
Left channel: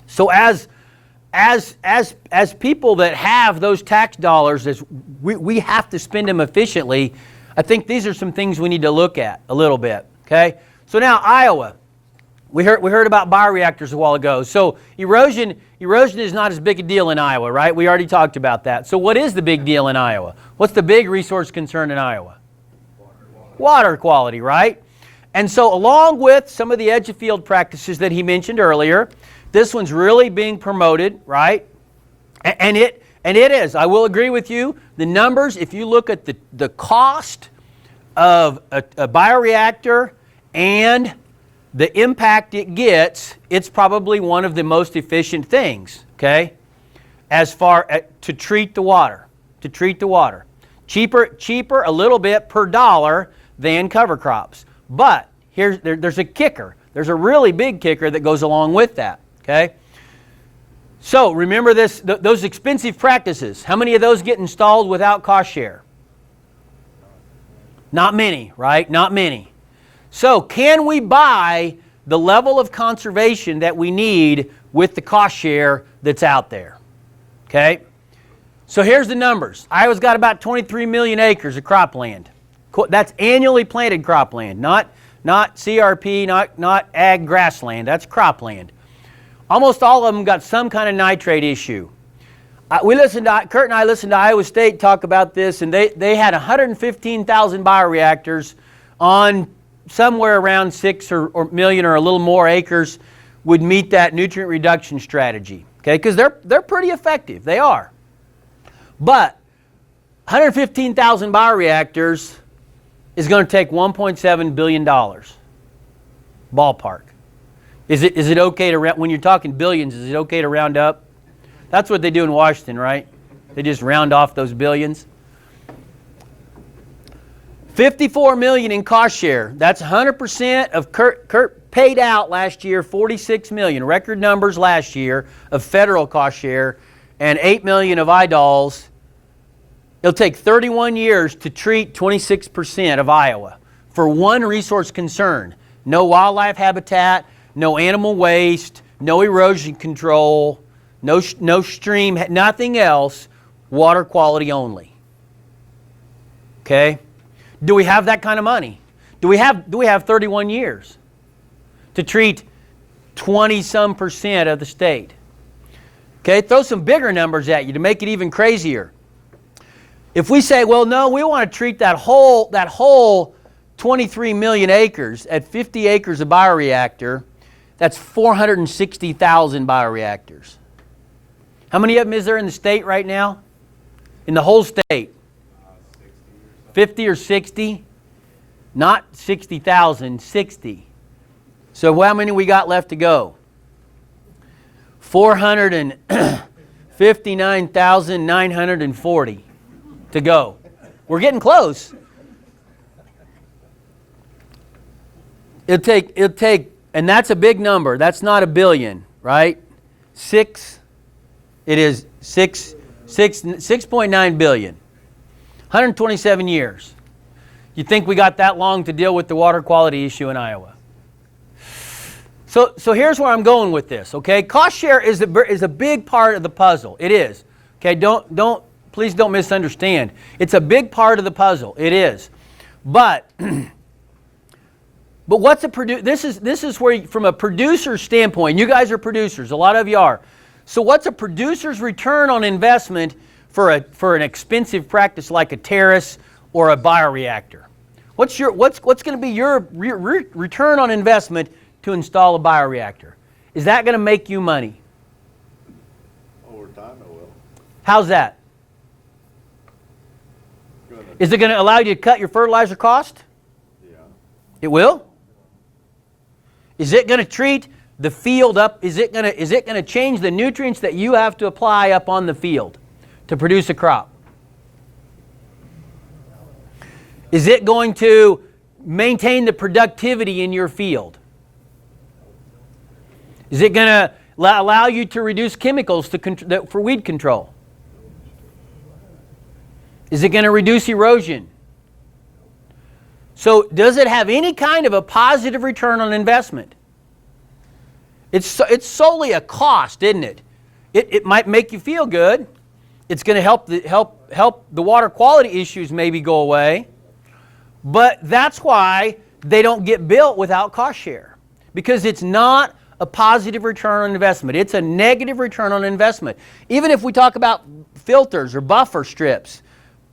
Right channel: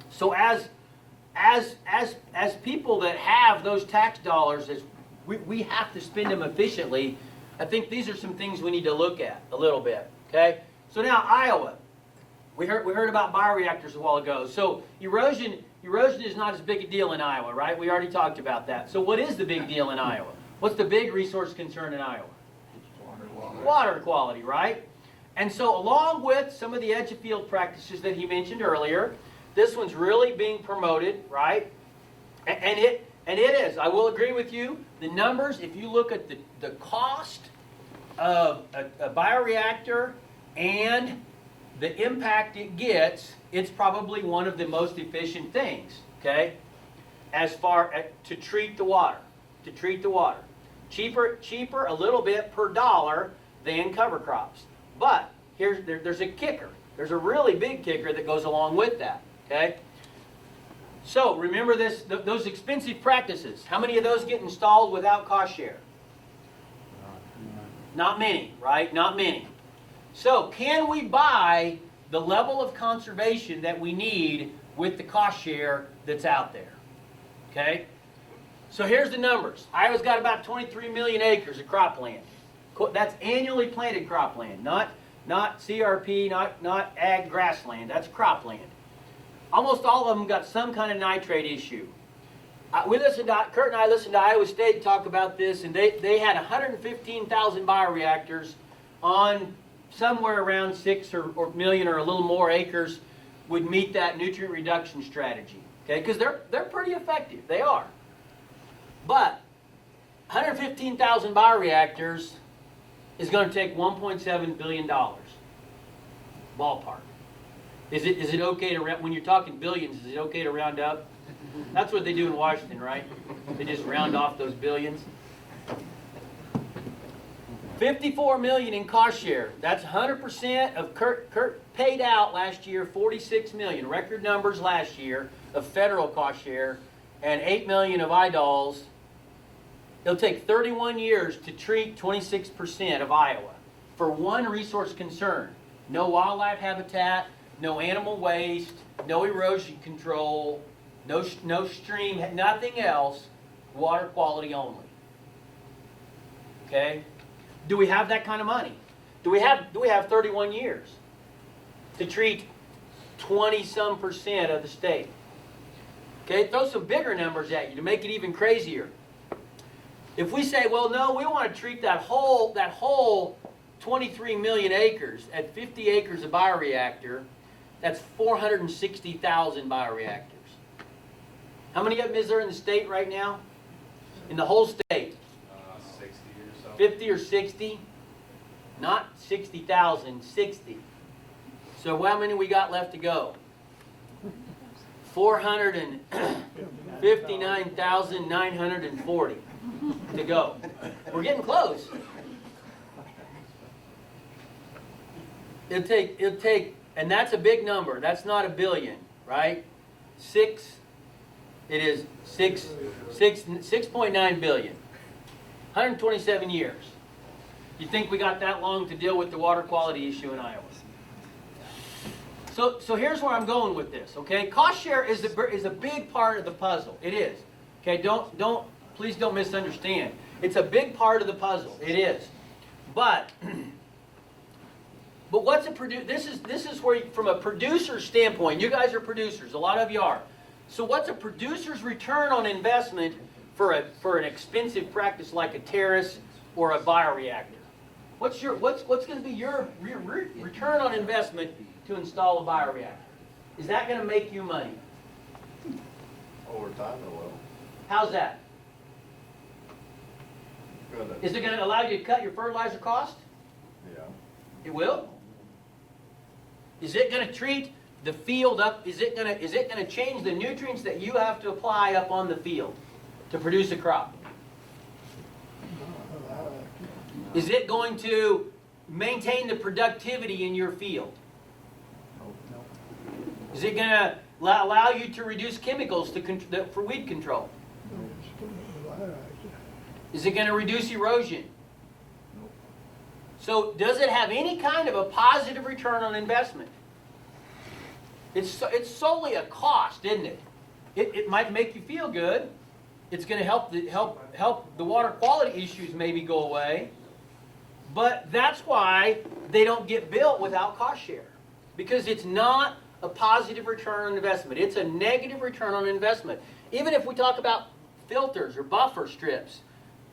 So as people that have those tax dollars, we have to spend them efficiently. I think these are some things we need to look at a little bit. Okay. So now Iowa, we heard about bioreactors a while ago. So erosion is not as big a deal in Iowa, right? We already talked about that. So what is the big deal in Iowa? What's the big resource concern in Iowa? Water quality, right? And so along with some of the edge of field practices that he mentioned earlier, this one's really being promoted, right? And it is. I will agree with you. The numbers, if you look at the cost of a bioreactor and the impact it gets, it's probably one of the most efficient things, okay? As far as to treat the water. Cheaper a little bit per dollar than cover crops. But there's a kicker. There's a really big kicker that goes along with that, okay? So remember those expensive practices. How many of those get installed without cost share? Not many, right? Not many. So can we buy the level of conservation that we need with the cost share that's out there? Okay? So here's the numbers. Iowa's got about 23 million acres of cropland. That's annually planted cropland, not CRP, not ag grassland. That's cropland. Almost all of them got some kind of nitrate issue. Kurt and I listened to Iowa State talk about this, and they had 115,000 bioreactors on somewhere around 6 or million or a little more acres would meet that nutrient reduction strategy. Okay, because they're pretty effective. They are. But 115,000 bioreactors is going to take $1.7 billion. Ballpark. Is it okay to, when you're talking billions, is it okay to round up? That's what they do in Washington, right? They just round off those billions. $54 million in cost share. That's 100% of Kurt paid out last year, $46 million. Record numbers last year of federal cost share and $8 million of IDOLs. It'll take 31 years to treat 26% of Iowa for one resource concern. No wildlife habitat, no animal waste, no erosion control, no stream, nothing else, water quality only. Okay? Do we have that kind of money? Do we have 31 years to treat 20-some% of the state? Okay, throw some bigger numbers at you to make it even crazier. If we say, well, no, we want to treat that whole 23 million acres at 50 acres of bioreactor, that's 460,000 bioreactors. How many of them is there in the state right now? In the whole state? 60 or so. 50 or 60? Not 60,000, 60. So how many we got left to go? 459,940 to go. We're getting close. It'll take, and that's a big number. That's not a billion, right? It is 6.9 billion. 127 years. You think we got that long to deal with the water quality issue in Iowa? So here's where I'm going with this, okay? Cost share is a big part of the puzzle. It is. Okay, please don't misunderstand. It's a big part of the puzzle. It is. But what's this is where, from a producer standpoint, you guys are producers, a lot of you are. So what's a producer's return on investment for an expensive practice like a terrace or a bioreactor? What's going to be your return on investment to install a bioreactor? Is that going to make you money? Over time it will. How's that? Good. Is it going to allow you to cut your fertilizer cost? Yeah. It will? Is it going to treat the field up? Is it going to change the nutrients that you have to apply up on the field to produce a crop? Is it going to maintain the productivity in your field? Is it going to allow you to reduce chemicals for weed control? Is it going to reduce erosion? So does it have any kind of a positive return on investment? It's solely a cost, isn't it? It might make you feel good. It's going to help the water quality issues maybe go away. But that's why they don't get built without cost share, because it's not a positive return on investment. It's a negative return on investment. Even if we talk about filters or buffer strips,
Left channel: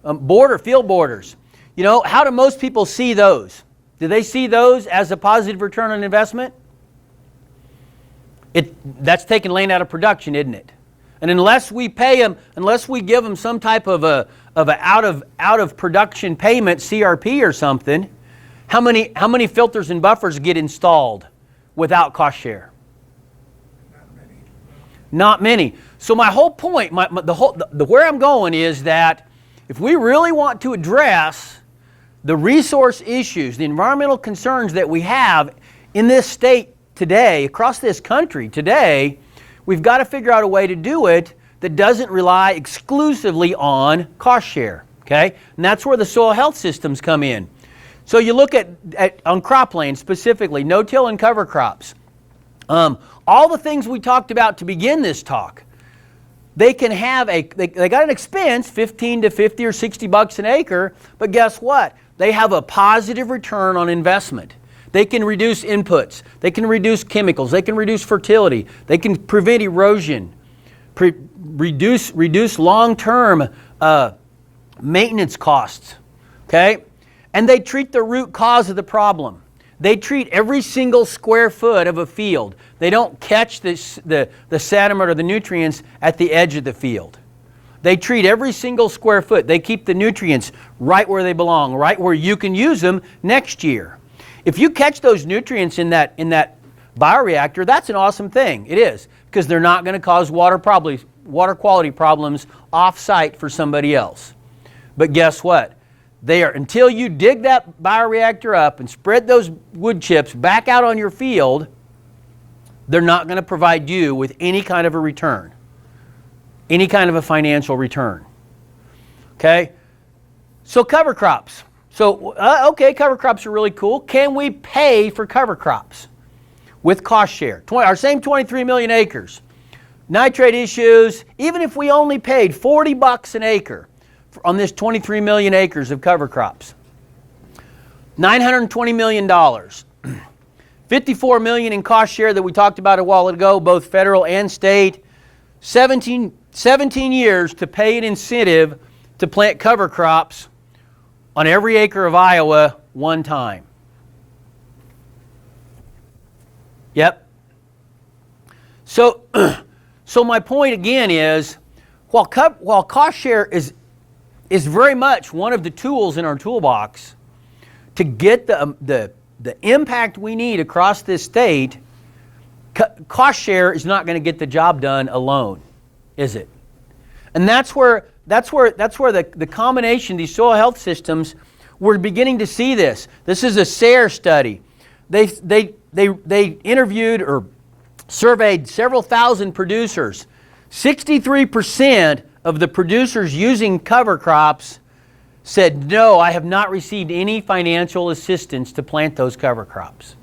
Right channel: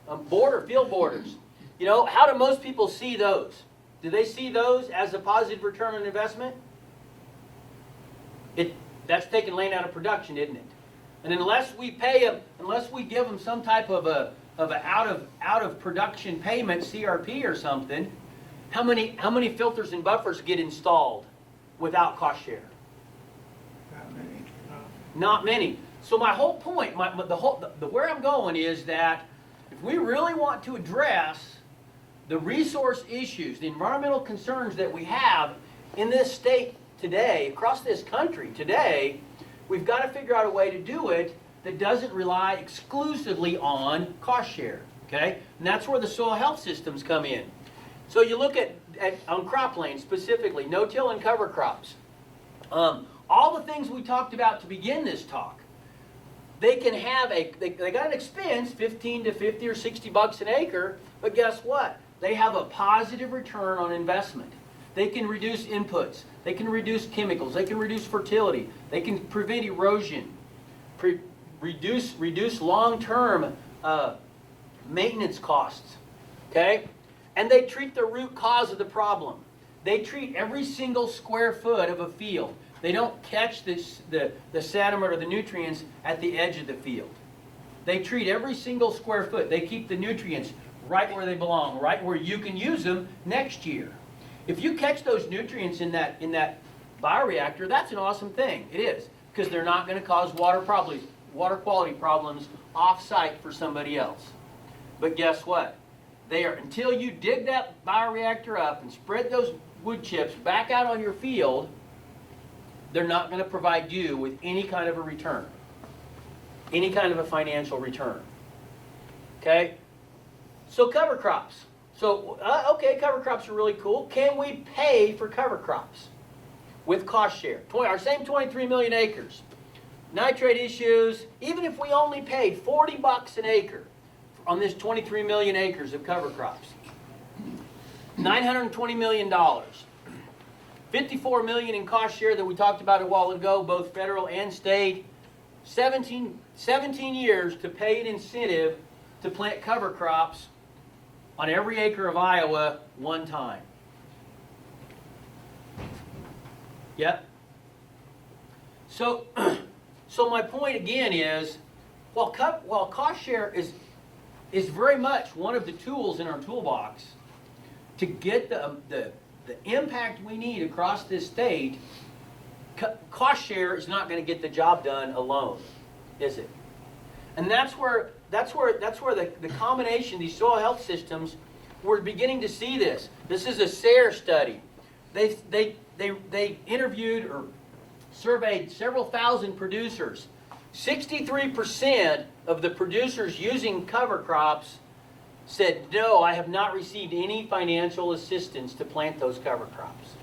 field borders, you know, how do most people see those? Do they see those as a positive return on investment? That's taking land out of production, isn't it? And unless we pay them, unless we give them some type of a out of production payment, CRP or something, how many filters and buffers get installed without cost share? Not many. So my whole point, where I'm going is that if we really want to address the resource issues, the environmental concerns that we have in this state today, across this country today, we've got to figure out a way to do it that doesn't rely exclusively on cost share, okay? And that's where the soil health systems come in. So you look at on cropland specifically, no-till and cover crops. All the things we talked about to begin this talk, they can have they got an expense, 15 to 50 or 60 bucks an acre, but guess what? They have a positive return on investment. They can reduce inputs, they can reduce chemicals, they can reduce fertility, they can prevent erosion, reduce long-term maintenance costs, okay? And they treat the root cause of the problem. They treat every single square foot of a field. They don't catch the sediment or the nutrients at the edge of the field. They treat every single square foot. They keep the nutrients right where they belong, right where you can use them next year. If you catch those nutrients in that bioreactor, that's an awesome thing. It is, because they're not going to cause water quality problems off-site for somebody else. But guess what? until you dig that bioreactor up and spread those wood chips back out on your field, they're not going to provide you with any kind of a return, any kind of a financial return. Okay? So cover crops. So, okay, cover crops are really cool. Can we pay for cover crops with cost share? Our same 23 million acres. Nitrate issues, even if we only paid $40 an acre on this 23 million acres of cover crops, $920 million. $54 million in cost share that we talked about a while ago, both federal and state. 17 years to pay an incentive to plant cover crops on every acre of Iowa one time. Yep. So my point again is, while cost share is very much one of the tools in our toolbox to get the impact we need across this state, cost share is not going to get the job done alone, is it? And that's where the combination, these soil health systems, we're beginning to see this. This is a SARE study. They interviewed or surveyed several thousand producers. 63% of the producers using cover crops said, no, I have not received any financial assistance to plant those cover crops.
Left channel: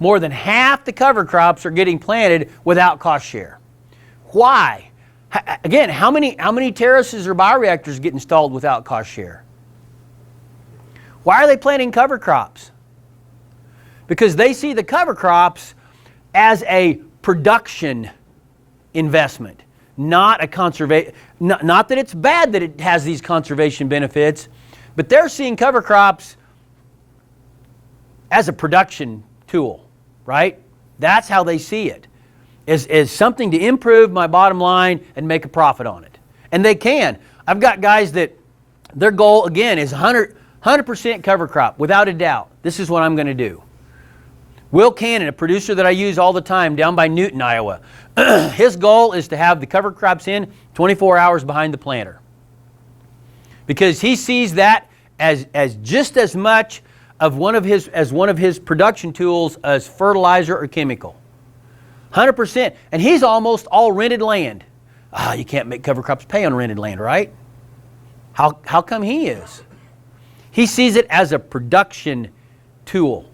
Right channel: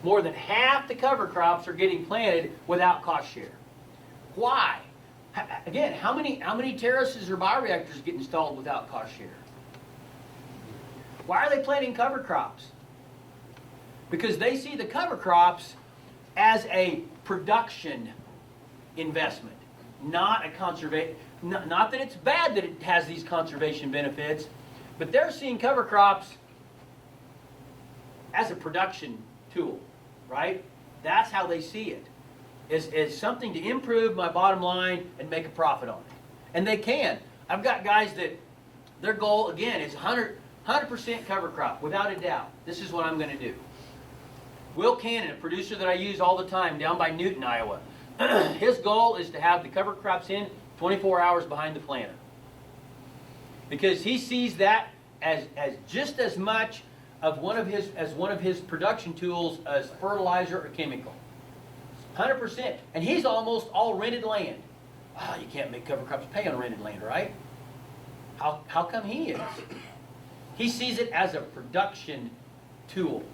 More than half the cover crops are getting planted without cost share. Why? Again, how many terraces or bioreactors get installed without cost share? Why are they planting cover crops? Because they see the cover crops as a production investment, not a conservation. Not that it's bad that it has these conservation benefits, but they're seeing cover crops as a production tool, right? That's how they see it, as something to improve my bottom line and make a profit on it. And they can. I've got guys that their goal, again, is 100% cover crop, without a doubt. This is what I'm going to do. Will Cannon, a producer that I use all the time down by Newton, Iowa, his goal is to have the cover crops in 24 hours behind the planter. Because he sees that as just as much of one of his production tools as fertilizer or chemical. 100%. And he's almost all rented land. You can't make cover crops pay on rented land, right? How come he is? He sees it as a production tool,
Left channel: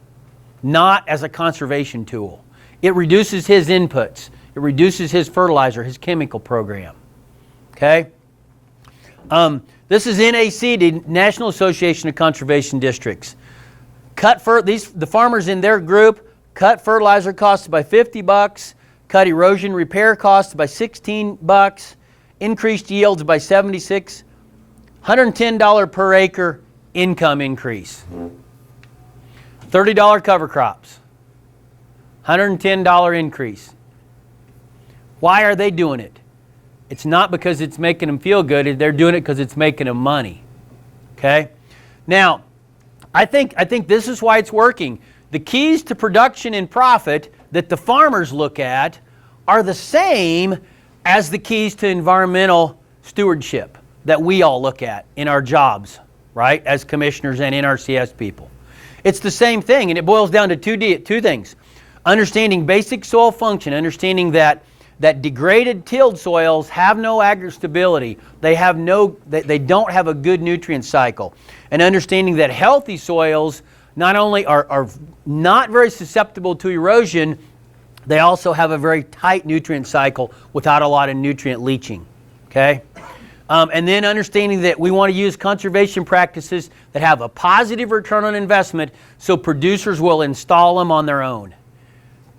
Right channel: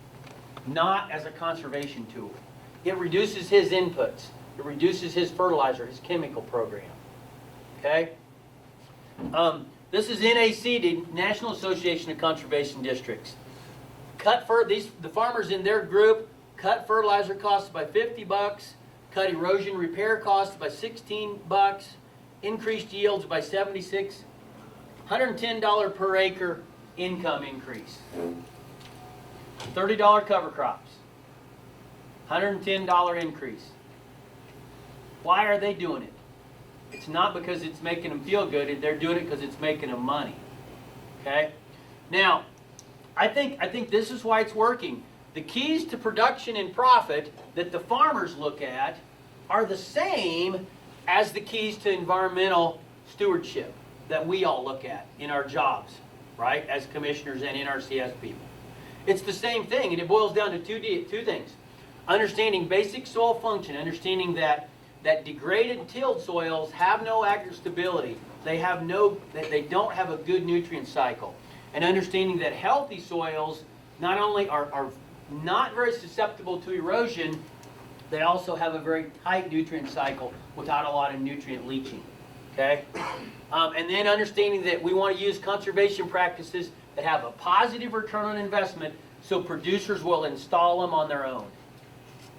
not as a conservation tool. It reduces his inputs. It reduces his fertilizer, his chemical program. Okay? This is NAC, the National Association of Conservation Districts. The farmers in their group cut fertilizer costs by $50, cut erosion repair costs by $16, increased yields by 76, $110 per acre income increase. $30 cover crops, $110 increase. Why are they doing it? It's not because it's making them feel good. They're doing it because it's making them money. Okay? Now, I think this is why it's working. The keys to production and profit that the farmers look at are the same as the keys to environmental stewardship that we all look at in our jobs, right, as commissioners and NRCS people. It's the same thing, and it boils down to two things. Understanding basic soil function, understanding that degraded tilled soils have no agrostability. They don't have a good nutrient cycle. And understanding that healthy soils not only are not very susceptible to erosion, they also have a very tight nutrient cycle without a lot of nutrient leaching. Okay? And then understanding that we want to use conservation practices that have a positive return on investment so producers will install them on their own.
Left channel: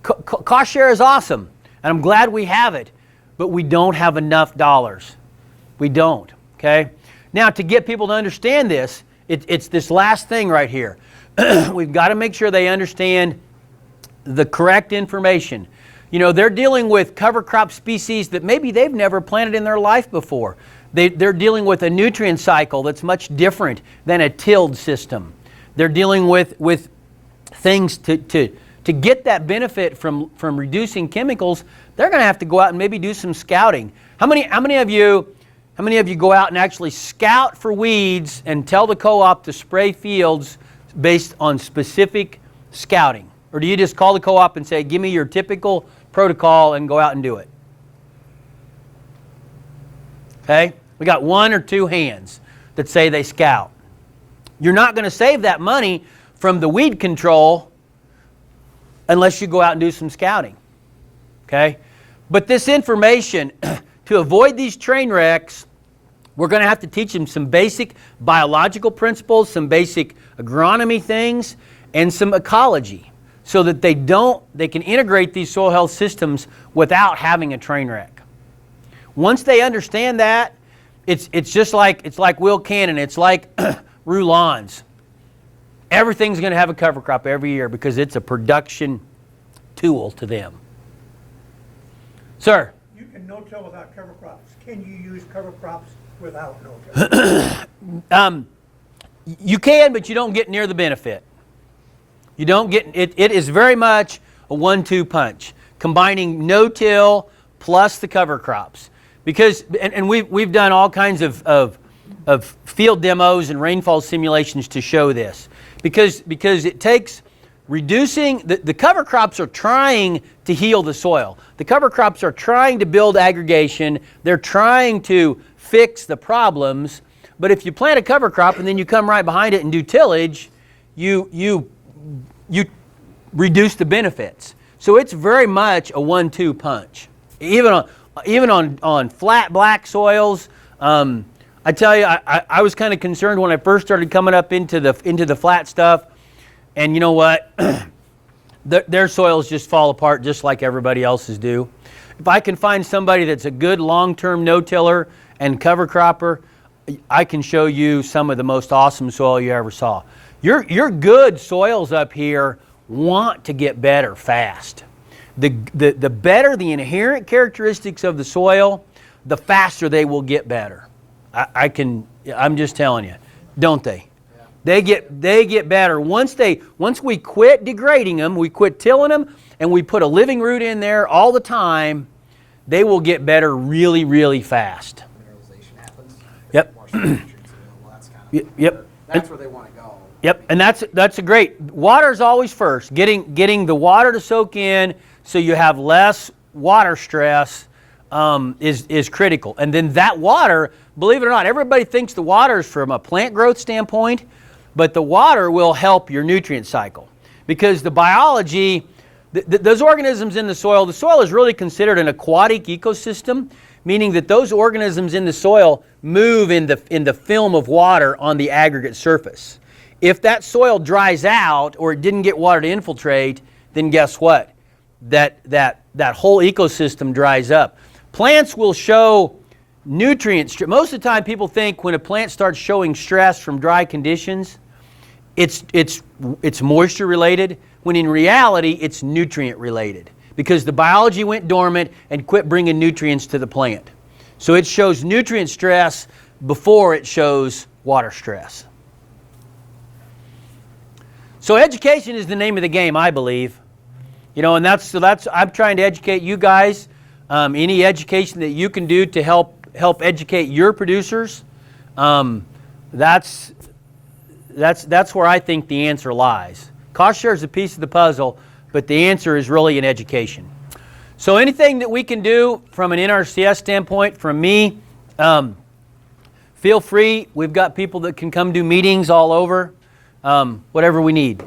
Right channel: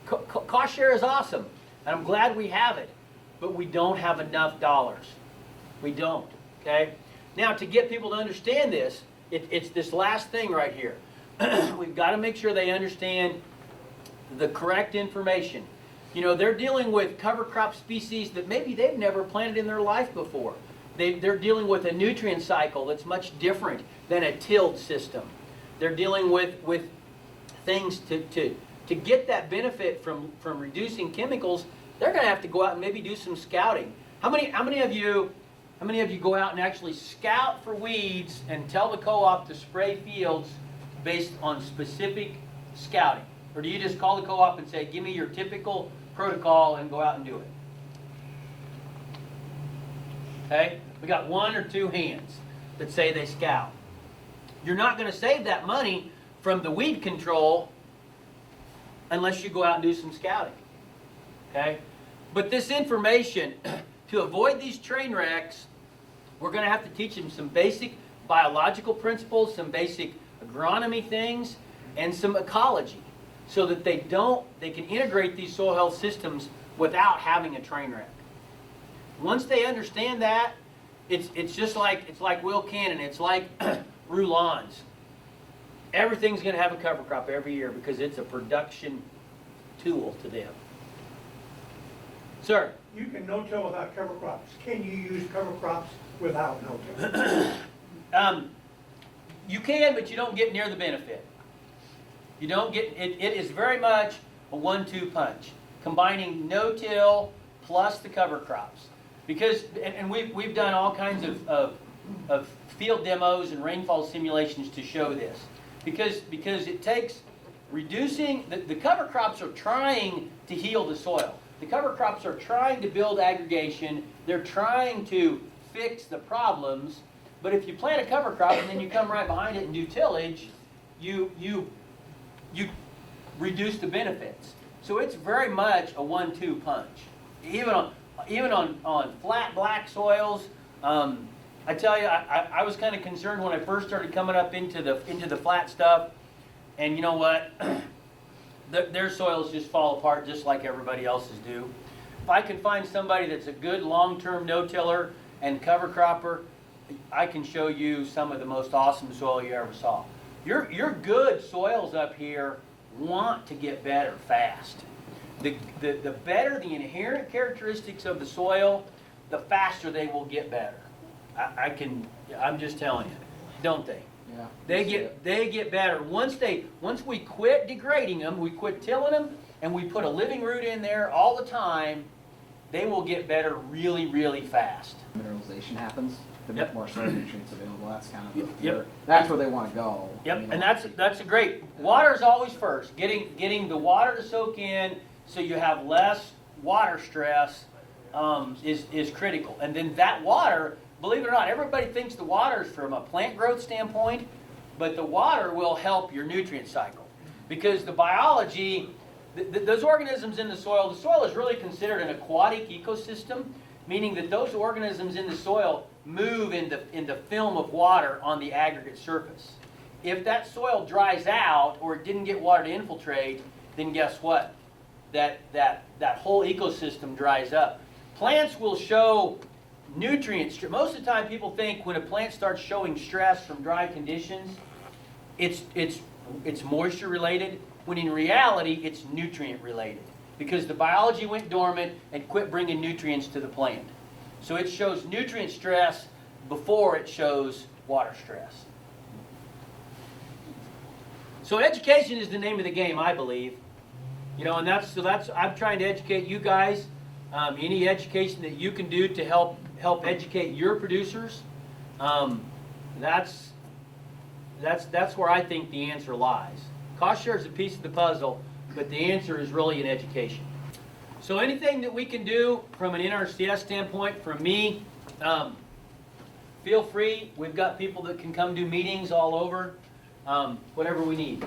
Cost share is awesome, and I'm glad we have it, but we don't have enough dollars. We don't, okay? Now, to get people to understand this, it's this last thing right here. We've got to make sure they understand the correct information. You know, they're dealing with cover crop species that maybe they've never planted in their life before. They're dealing with a nutrient cycle that's much different than a tilled system. They're dealing with things to get that benefit from reducing chemicals. They're going to have to go out and maybe do some scouting. How many of you How many of you go out and actually scout for weeds and tell the co-op to spray fields based on specific scouting? Or do you just call the co-op and say, give me your typical protocol and go out and do it? Okay? We got 1 or 2 hands that say they scout. You're not going to save that money from the weed control unless you go out and do some scouting. Okay? But this information, to avoid these train wrecks, we're going to have to teach them some basic biological principles, some basic agronomy things, and some ecology, so that they can integrate these soil health systems without having a train wreck. Once they understand that, it's just like Will Cannon, it's like Roulons. Everything's going to have a cover crop every year because it's a production tool to them. Sir? You can no-till without cover crops. Can you use cover crops without no-till? You can, but you don't get near the benefit. You don't get it. It is very much a 1-2 punch, combining no-till plus the cover crops. Because and we've done all kinds of field demos and rainfall simulations to show this. Because it takes reducing the cover crops are trying to heal the soil. The cover crops are trying to build aggregation. They're trying to fix the problems. But if you plant a cover crop and then you come right behind it and do tillage, you reduce the benefits. So it's very much a 1-2 punch. Even on flat black soils, I tell you, I was kind of concerned when I first started coming up into the flat stuff, and you know what? Their soils just fall apart just like everybody else's do. If I can find somebody that's a good long-term no-tiller and cover cropper, I can show you some of the most awesome soil you ever saw. Your good soils up here want to get better fast. The better the inherent characteristics of the soil, the faster they will get better. I'm just telling you, don't they? Yeah. They get better once we quit degrading them, we quit tilling them, and we put a living root in there all the time. They will get better really, really fast. Mineralization happens. Yep. More nutrients available. That's kind of Yep. That's where they want to go. Yep, and that's a great. Water's always first. Getting the water to soak in so you have less water stress is critical. And then that water, believe it or not, everybody thinks the water is from a plant growth standpoint, but the water will help your nutrient cycle because the biology, those organisms in the soil is really considered an aquatic ecosystem, meaning that those organisms in the soil move in the film of water on the aggregate surface. If that soil dries out or it didn't get water to infiltrate, then guess what? That whole ecosystem dries up. Plants will show nutrients. Most of the time people think when a plant starts showing stress from dry conditions, it's moisture related, when in reality it's nutrient related because the biology went dormant and quit bringing nutrients to the plant. So it shows nutrient stress before it shows water stress. So education is the name of the game, I believe. You know, and that's I'm trying to educate you guys. Any education that you can do to help educate your producers, that's where I think the answer lies. Cost share is a piece of the puzzle, but the answer is really in education. So anything that we can do from an NRCS standpoint, from me, feel free. We've got people that can come do meetings all over, whatever we need.